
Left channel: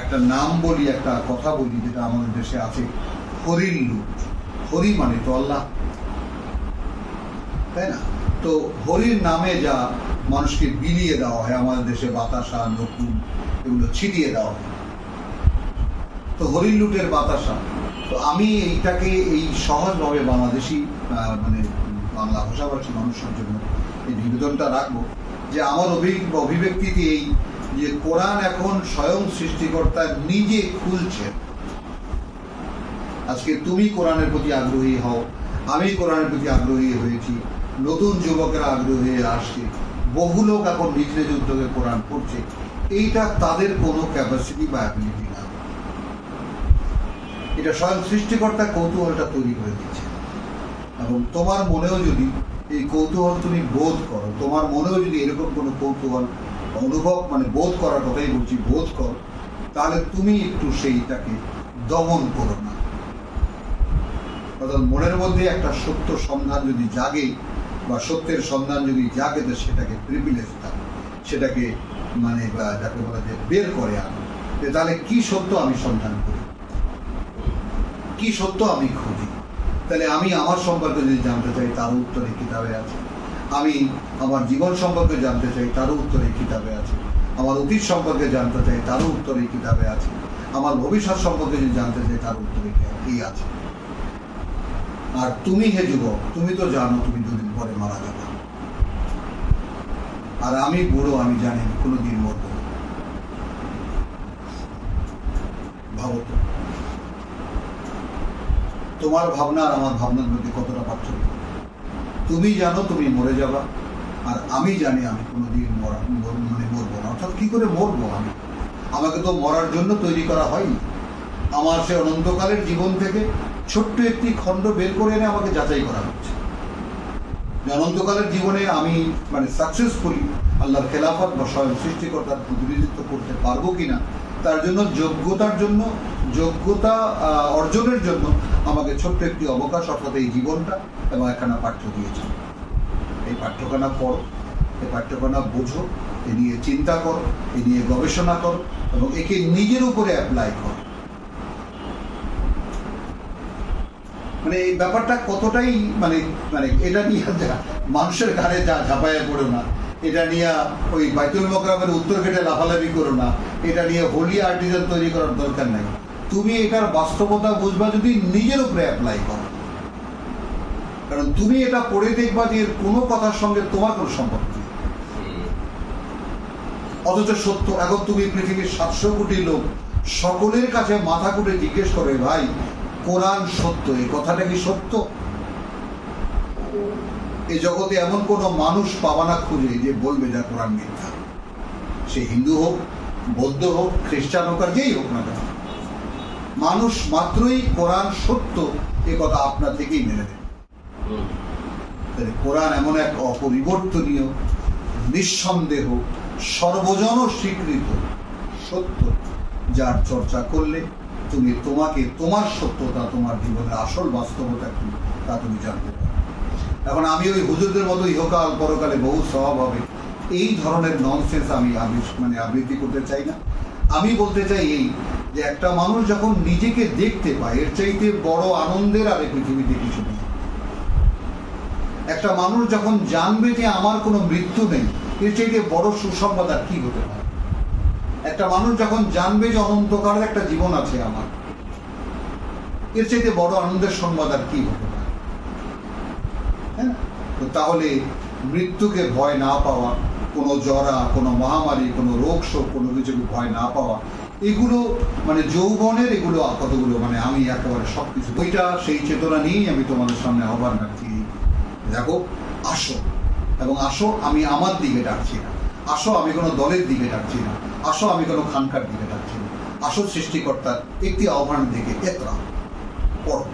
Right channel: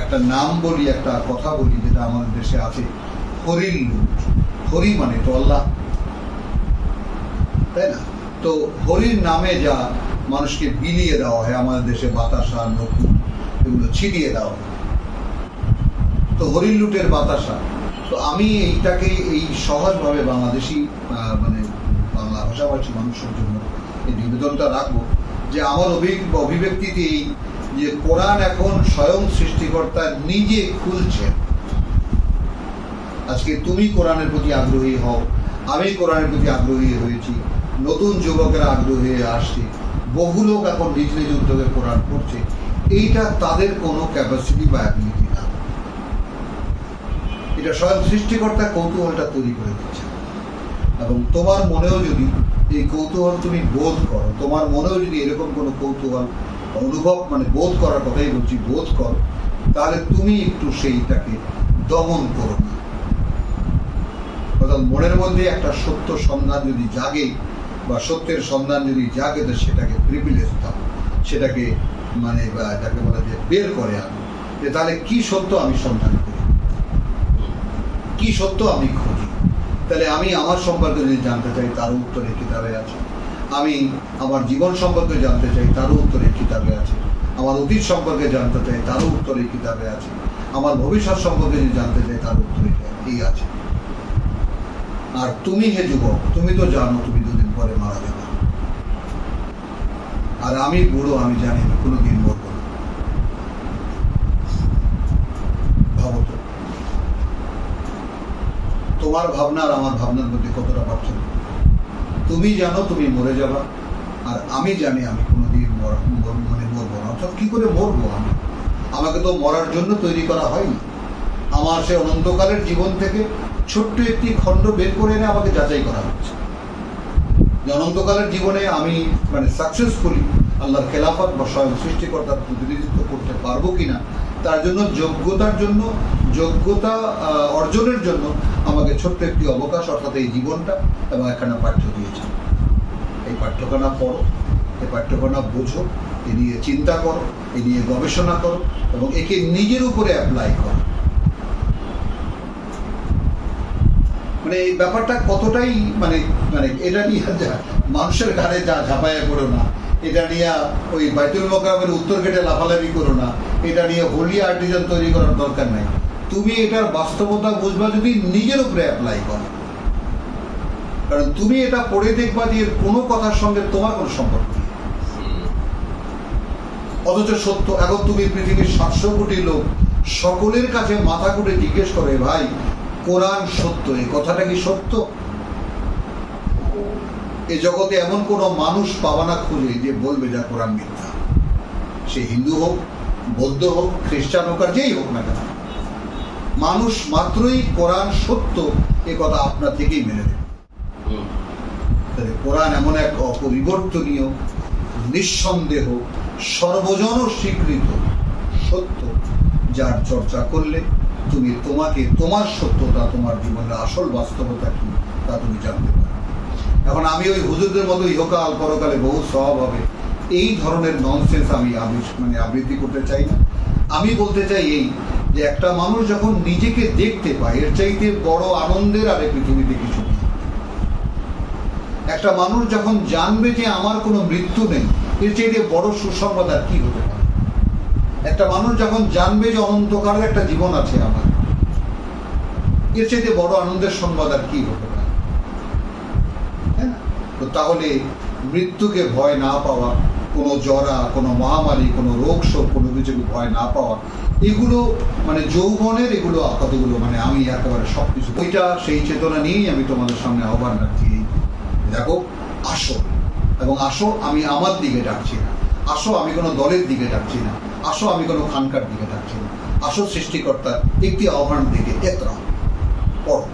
একটা নাম বলি, একটা কথা বলি, যেটা আমাদের দেশে আছে, হরির লুট। হরি মানে তো আল্লাহ, তাই না? তো হরির নামে যা মানুষকে বিলিয়ে দেওয়া হয়, আমাদের দেশে বাতাসা, নকুল, এগুলো ছিটিয়ে দেওয়া হয়, তো হরির লুটের বাতাসা। তো আমি এইটাকে এই সহজভাবে বাংলাদেশি মানে বাংলা ভাষাভাষী মানুষের জন্য এই নিবেদনটা রাখবো যে আমার অভিব্যক্তিতে এই যে কোরআন এখন স্বয়ং সৃষ্টিকর্তা নিজে খুলছে। আজকে তুমি কোরআনের প্রতি আগ্রহী হও, আমি কোরআনের প্রতি আগ্রহী হয়েছি, নতুন যুবকেরা আগ্রহী হয়ে আসছে, বহু লোক এখন নিজ নিজ উদ্যোগে কোরআন পড়ছে। এইটা তাদের কোনো ক্যাপাসিটি বা অ্যাবিলিটি না, এটা স্বয়ং সৃষ্টিকর্তা কৌতূহলটা তৈরি করে দিচ্ছে। এবং তোমার মনেও যদি এই কৌতূহল তুমি বোধ করো, তোমার মনেও যদি এরকম কোনো কৌতূহল অনুভব, মানে বোধ করার কথাই বলছি, বোধ করো, তাহলে তুমি একটু সেইটাকে দমন করো না। অর্থাৎ মনের মধ্যে একটা সত্য সন্ধান যদি জাগে, বা সত্যের সন্ধান যদি জাগে, তো সেটাকে প্রিভিলেজ দাও, সেটাকে মানে যাকে বলা যায় বের করে আনো, যে তাহলে কি সত্য আমি সন্ধান করি, কি সত্য আমি খুঁজি। তাহলে আমি আমার সম্পর্কে যদি জানতে চাই, তারও উত্তর এই কিতাবে আছে। আমি আমার জীবন সম্পর্কে জানতে চাই, তারও উত্তর এই কিতাবে আছে। আমার অতীত সম্পর্কে জানতে চাই, তারও উত্তর এই কিতাবে আছে। আমার ভবিষ্যৎ সম্পর্কে যদি জানতে চাই, তার উত্তর এই আছে। আর তুমি হে যুবক, তুমি তো জানো তুমি 2 দিন পরে মারা যাবে, আর আমি বুড়ো, আমি জানি না কোনোদিন মরব না। ভাবো তো, তোমার ভাবনা আর আমার ভাবনার মধ্যে কতটা পার্থক্য। তুমি জানো তুমি মরে যাবা, আর আমি জানি আমি কোনোদিন মরবো না। অর্থাৎ কি করে মরবো আমি? আমাকে তো মরার জন্য তৈরি করা হয়নি। আমার সে অনন্তকালের জীবন থেকে ছোট্ট একটি খণ্ড বের করে এনে আমাকে যাচাই করা হচ্ছে যে অনন্তকালের জীবনে আমি মানে সাকসেসফুলি আল্লাহর খেলাফত বা স্বয়ং সৃষ্টিকর্তার প্রতিনিধিত্ব করতে পারবো কিনা, তার জন্য যোগ্যতা অর্জনের জন্য আমাকে ছোট্ট একটি অবকাশ, অর্থাৎ এই জীবনটা এবং একখানা পাঠ্য দিয়েছে। এই পাঠ্যখানা পড়ো, এই পাঠ্যখানা বোঝো, এ নিয়ে চিন্তা করো, এ নিয়ে গবেষণা করো এবং একে নিজের উপরে অ্যাপ্লাই করো। মানে এই ব্যাপারটা কতটাই মানে মানে এটা নিয়ে মানুষের ঘাড়ে যা ঝাঁপাইয়া পড়ো না, এটা নিয়ে ওই বাইতুল মোকাররমের উত্তর গেটে লাফালাফি করো না, এটা নিয়ে হোলি আর্টিজান তৈরি করার দরকার নাই। তুমি এটার বাস্তবতা বুঝবা যদি নিজের উপরে অ্যাপ্লাই করো, কারণ তুমি এটা পড়ে দেখবা যে এর কোনো কথার সঙ্গে তোমার কোনো সম্পর্ক নেই, অথচ সত্য। এখন তুমি পৃথিবীর 700 কোটি লোক সকলের কাছে মাথা কুটে জিজ্ঞেস করে, ভাই কোরআন সত্য, এই কথাটা কি সত্য? এই জগতে এমন কোন মানুষ পাবা না খুঁজে যে বলবে যা কোরআন মিথ্যা। সে হিন্দু হোক, বৌদ্ধ হোক, খ্রিস্টান হোক, আর যেই হোক না কেন, মানুষ মাত্রই কোরআন সত্য এ কথা আপনার থেকেই মেনে নেবে। কোরআন এমন এক অপরিবর্তনীয়, নিঃসন্দেহ, সর্বজন স্বীকৃত সত্য, যার চর্চা করলে তুমি তোমার সত্যতা, তোমার জীবনের আসল বাস্তবতা কি তা তুমি জানতে পারো। এখন আমি ওই হুজুরদের মতো ইহকাল পরকালে বহু স্বভাব হবে এই ধরনের ননসেন্স আমি আবৃত্তি করতে চাই না। আমি বলতে চাই এই যে একটা মানুষ যখন নিজেকে দেখতে পায়, এর চাইতে বড় আনন্দের আর পৃথিবীতে কিছু নেই। একটা মানুষ যখন জানবে যে আমার কোনো মৃত্যু নেই, এর চাইতে বড় সুসংবাদ আর কি হতে পারে। একটা মানুষ যখন জানবে যে অনন্তকালের একটা জীবন আছে আমার, এর চাইতে বড় আনন্দের সংবাদ আর কি হতে পারে। হ্যাঁ, তো তাহলে মৃত্যুকে ভয় না পাওয়া, কোনো জরা, কোনো মহামারী, কোনো রোগ শোক, কোনো কিছুকে ভয় না পাওয়া, এগুলো মানে যৌবনের এগুলো কতগুলো আমি একেবারে সবকিছু ওইটা সেই চেতনা নিয়েই আমি তোমাদের সামনে আহ্বান রাখছি। দেখো, আসো, এবং আসো আমি আমার দিকে ডাকছি না, আসো আমি কোনো দলের দিকে ডাকছি না, আসো আমি কোনো খানকার দিকে ডাকছি না, আসো সৃষ্টিকর্তার একটি আহ্বানের দিকে একরা পড়ো।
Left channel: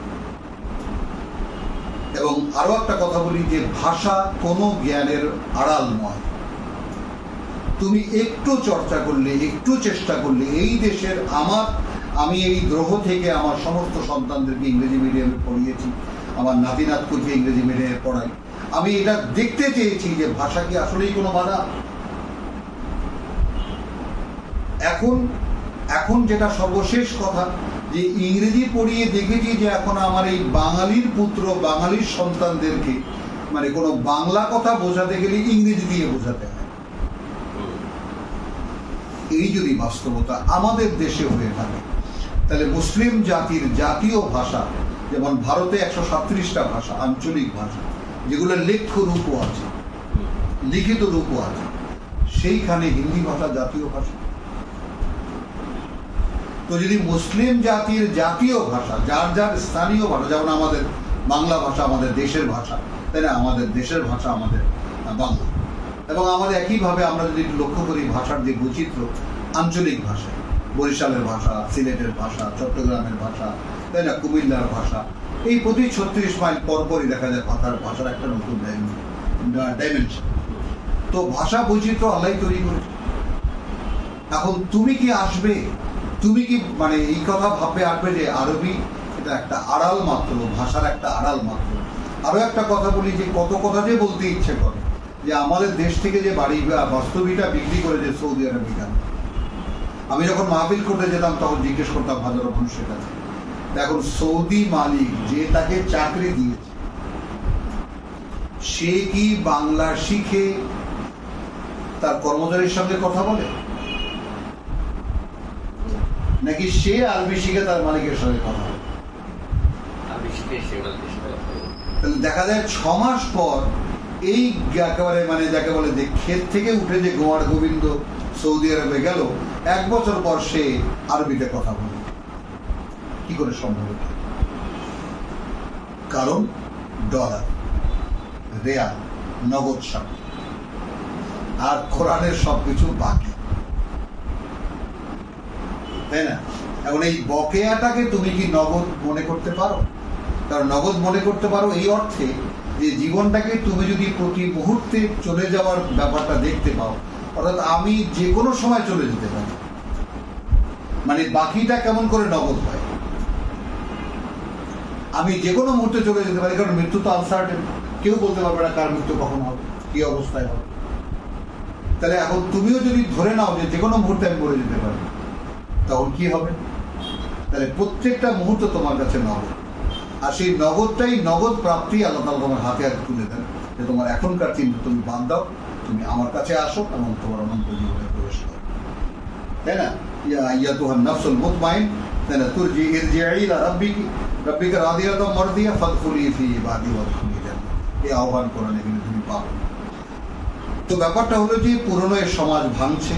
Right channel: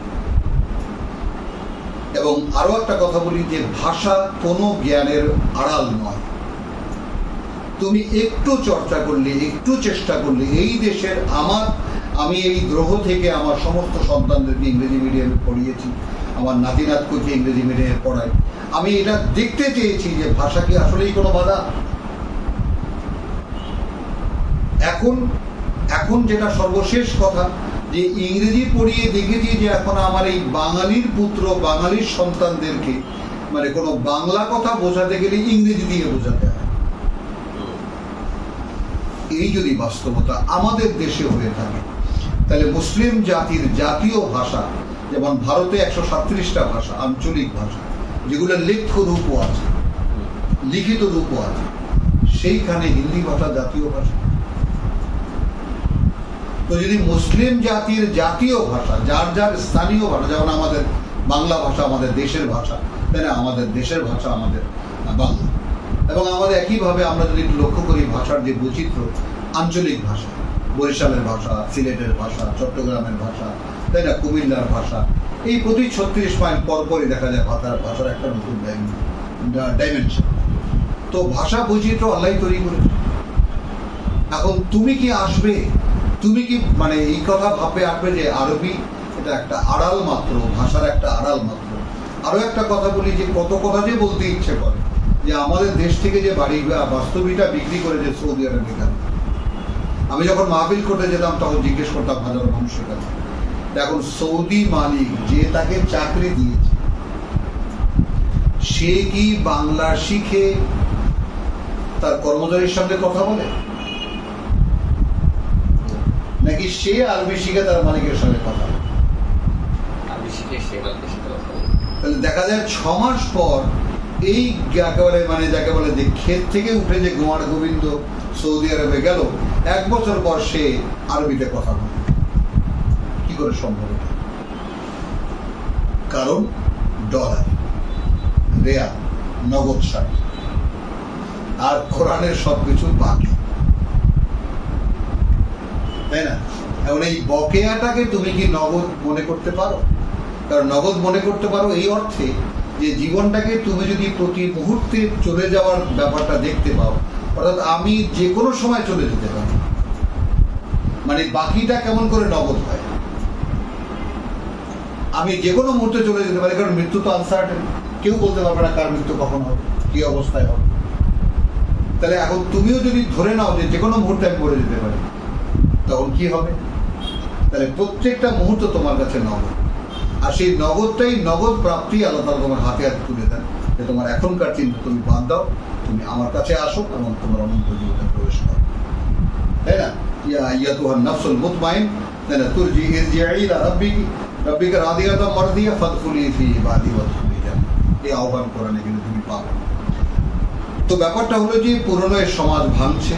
এবং আরো একটা কথা বলি যে ভাষা কোনো জ্ঞানের আড়াল নয়। তুমি একটু চর্চা করলে, একটু চেষ্টা করলে, এই দেশের আমি এই গ্রহ থেকে আমার সমস্ত সন্তানদেরকে ইংরেজি মিডিয়ামে পড়িয়েছি, আমার নাতিনাতকুলকে ইংরেজি মিডিয়ামে পড়াই। আমি এটা দেখতে চেয়েছি যে ভাষা কি আসলেই কোনো বাধা। এখন যেটা সর্বশেষ কথা, যে ইংরেজি পড়িয়ে দেখেছি যে এখন আমার এই বাঙালির পুত্র, বাঙালির সন্তানদেরকে কোনো বাংলা কথা বোঝাতে গেলে ইংরেজি দিয়ে বোঝাতে হয়। এই যদি বাস্তবতা আমাদের দেশে হয়ে থাকে, তাহলে মুসলিম জাতির জাতীয় ভাষা, যেমন ভারতে 137টা ভাষা, আঞ্চলিক ভাষা, যেগুলো লেখ্য রূপও আছে, লিখিত রূপও আছে, সেইখানে হিন্দি ভাষা জাতীয় ভাষা। তো যদি মুসলিম জাতির জাতীয় ভাষা, যার যার স্থানীয় ভাষা, যেমন আমাদের বাংলা ভাষা আমাদের দেশের ভাষা, তাই না, আমাদের দেশের ভাষা আমাদের বাংলা, এবং আমাদের একইভাবে আমরা যদি লক্ষ্য করি ভাষার যে বৈচিত্র্য, আঞ্চলিক ভাষা, বরিশালের ভাষা, সিলেটের ভাষা, চট্টগ্রামের ভাষা, তাই না, কুমিল্লার ভাষা, এই প্রতি 36 মাইল পরপরই দেখা যায় ভাষার একটা নতুন ডাইমেনশন। তো ভাষা বৈচিত্র্য আল্লাহ তৈরি করেছে। এখন তুমি কি আসবে, তুমি কি এই কথা আসবে যে আরবি এটা একটা আড়াল মাত্র, ভাষার একটা আড়াল মাত্র। আরো একটা কথা বলি, যে কত কথা যে বলতে ইচ্ছে করে যে আমাদের দেশ থেকে যে বাড়ি বাস্তবিকটা বিক্রি করে যে সৌদি আরবে গেল। আমি যখন মাহফিল করতে যেতাম তখন জিজ্ঞেস করতাম হাজারো মানুষের কাছে, এখন সৌদি মালিক যে তাকে চাকরি দিয়েছে, সে কি বাংলা শিখে তার কর্মচারীর সঙ্গে কথা বলে, নাকি সে আরবি শিখে তার মালিকের সঙ্গে কথা বলে? তাহলে দেখা যায় 6 মাস পর এই একেবারে যাকে বলে যে ক্ষেত থেকে উঠে যে গোয়ার গোবিন্দ সৌদি আরবে গেল, 1 বছর পর সে আরবিতে কথা বলে। কি করে সম্ভব? কারণ ডলার, রিয়াল, নগদ সার, আর কোরআনের সবকিছু বাকি, তাই না? এখন এই বকেয়াটাকে তুমি কি নগদ মনে করতে পারো? কারণ নগদ মনে করতে পারো এই অর্থে যে জীবনটাকে তুমি যদি প্রতি মুহূর্তে চলে যাওয়ার ব্যাপারটা দেখতে পাও, অর্থাৎ আমি যে কোনো সময় চলে যেতে পারি, মানে বাকিটা কেমন করে নগদ হয়, আমি যে কোনো মুহূর্তে চলে যেতে পারি, কারণ মৃত্যু তো আনসার্টেন, কেউ বলতে পারবে না কার মৃত্যু কখন হবে, কি অবস্থায় হবে। তাহলে এখন তুমিও যদি ধরে নাও যে যে কোনো মুহূর্তে আমি মরে যেতে পারি, তখন কি হবে? তাহলে প্রত্যেকটা মুহূর্ত তোমার কাছে নগদ, আর সেই নগদটাই নগদ প্রাপ্তি আল্লাহ তাআলা তোমার হাতে হাতে তুলে দেন যে তোমার এখনকার চিন্তা তুমি বাদ দাও, তুমি আমার কাছে আসো এবং তোমার অনন্ত জীবনে প্রবেশ করো, তাই না? ইয়া আইয়াতুহান নাফসুল মুতমাইন, তাই না? তুরজি ইরজিই ইলা রাব্বিকা রাদিয়াতাম মারদিয়া ফাদখুলি ফি ইবাদি ওয়াদখুলি জান্নাহ, এই আহ্বান কোরআনে কিন্তু তুমি পাবে। তো ব্যাপারটা হলো যে পুরনো এই সমাজ ভাঙছে,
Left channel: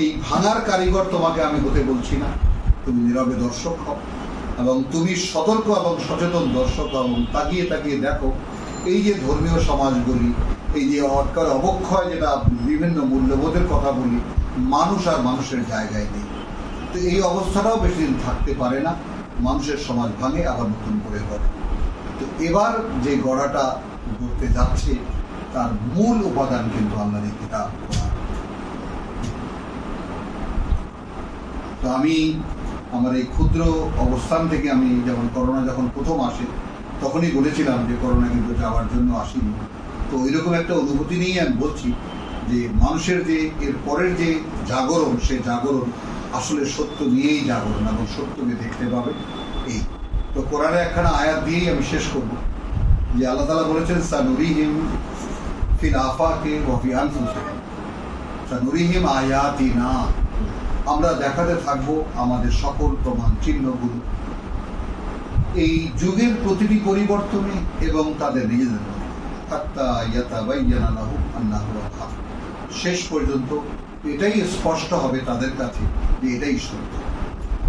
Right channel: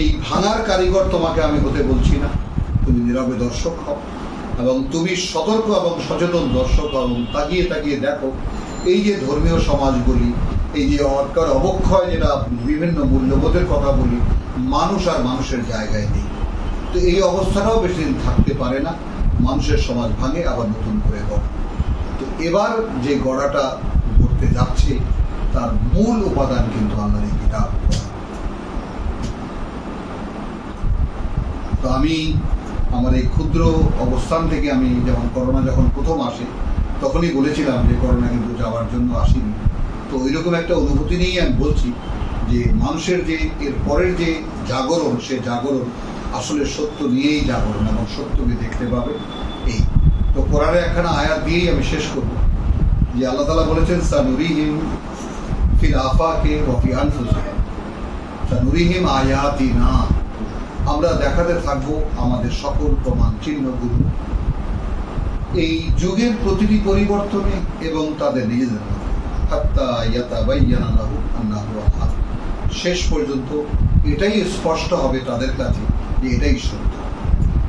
এই ভাঙার কারিগর তোমাকে আমি হতে বলছি না, তুমি নীরবে দর্শক হও এবং তুমি সতর্ক এবং সচেতন দর্শক হও এবং তাকিয়ে তাকিয়ে দেখো এই যে ধর্মীয় সমাজগুলি, এই যে অবক্ষয়, যেটা বিভিন্ন মূল্যবোধের কথা বলি, মানুষ আর মানুষের জায়গায় নেই। তো এই অবস্থাটাও বেশি দিন থাকতে পারে না, মানুষের সমাজ ভাঙে আবার নতুন করে গড়ে। তো এবার যে গড়াটা করতে যাচ্ছে তার মূল উপাদান কিন্তু আল্লাহর এই কিতাব। তো আমি আমার এই ক্ষুদ্র অবস্থান থেকে, আমি যেমন করোনা যখন প্রথম আসে তখনই বলেছিলাম যে করোনা কিন্তু যাওয়ার জন্য আসেনি। তো ওইরকম একটা অনুভূতি নিয়েই আমি বলছি যে মানুষের যে এর পরের যে জাগরণ, সে জাগরণ আসলে সত্য নিয়েই জাগরণ এবং সত্যকে দেখতে পাবে। এই তো কোরআনে একখানা আয়াত দিয়েই আমি শেষ করব যে আল্লাহ তাআলা বলেছেন সানুরিহিম ফিল আফাকে ওয়া ফি আনফুসিহিম, সানুরিহিম আয়াতিনা, আমরা দেখাতে থাকবো আমাদের সকল প্রমাণ চিহ্নগুলো এই যুগের প্রতিটি পরিবর্তনে এবং তাদের নিজেদের মধ্যে, হাত্তা ইয়াতাবায়্যানা লাহু আন্নাহু আল-হক, শেষ পর্যন্ত এটাই স্পষ্ট হবে তাদের কাছে যে এটাই সত্য।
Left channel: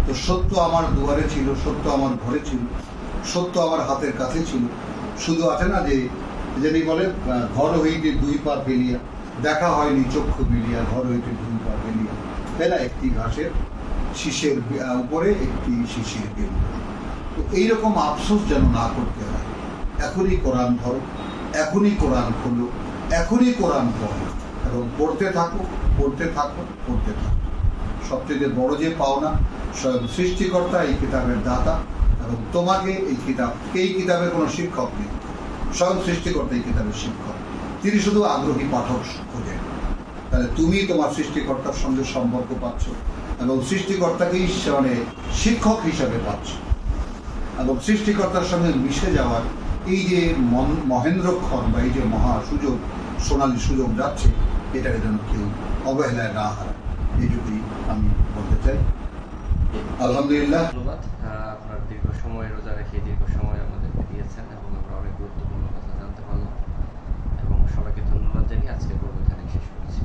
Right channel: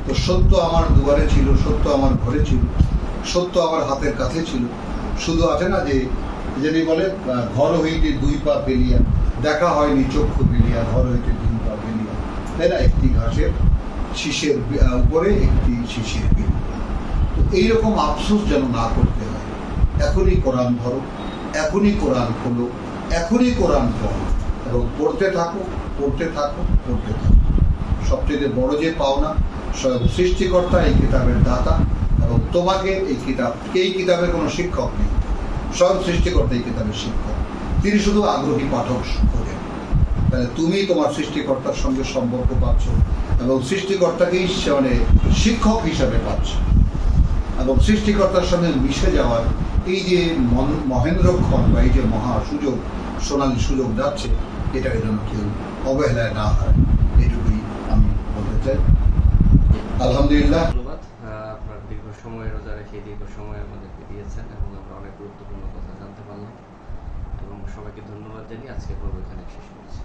তো সত্য আমার দুয়ারে ছিল, সত্য আমার ঘরে ছিল, সত্য আমার হাতের কাছে ছিল। শুধু আছে না যে যিনি বলে ঘর হইতে দুই পা ফেলিয়া, দেখা হয়নি চক্ষু ফেলিয়া, ঘর হইতে দুই পা ফেলিয়া, তাই না? একটি ঘাসের শীষের উপরে একটি শিশির বিল। তো এইরকম আফসোস যেন না করতে হয়। এখনই কোরআন ধরো, এখনই কোরআন খোলো, এখনই কোরআন পড়ো এবং পড়তে থাকো, পড়তে থাকো, পড়তে থাকো। সবচেয়ে বড় যে পাওনা, স্বয়ং সৃষ্টিকর্তা এই কিতাবের দাতা এবং তোমাকে এই কিতাবের কোনো শিক্ষক নেই, স্বয়ং সৃষ্টিকর্তা এই কিতাবের শিক্ষক। তিনি শুধু আগ্রহী পাঠক খোঁজেন। তাহলে তুমি তোমার সৃষ্টিকর্তার সঙ্গে সম্পর্ক পাচ্ছ এবং সৃষ্টিকর্তাকেই মানে শিক্ষক হিসাবে পাচ্ছ এবং সৃষ্টিকর্তার সঙ্গে মিশে যাওয়ার এই যে মহেন্দ্রক্ষণ বা এই যে মহা সুযোগ, সোনালী সুযোগ যাচ্ছে, এটাকে যেন কেউ অবহেলায় না হয়, এইটুকুই আমি বলতে চাই। আলহামদুলিল্লাহ, ধন্যবাদ। আপনার দীর্ঘ সময় রোজা রেখে দীর্ঘ সময় আমাদেরকে দিয়েছেন এবং আমরা অনেক গুরুত্বপূর্ণ কথা জানতে পারলাম এবং সবাইকে ধন্যবাদ জানিয়ে আজকে পর্ব এখানে শেষ করেছি।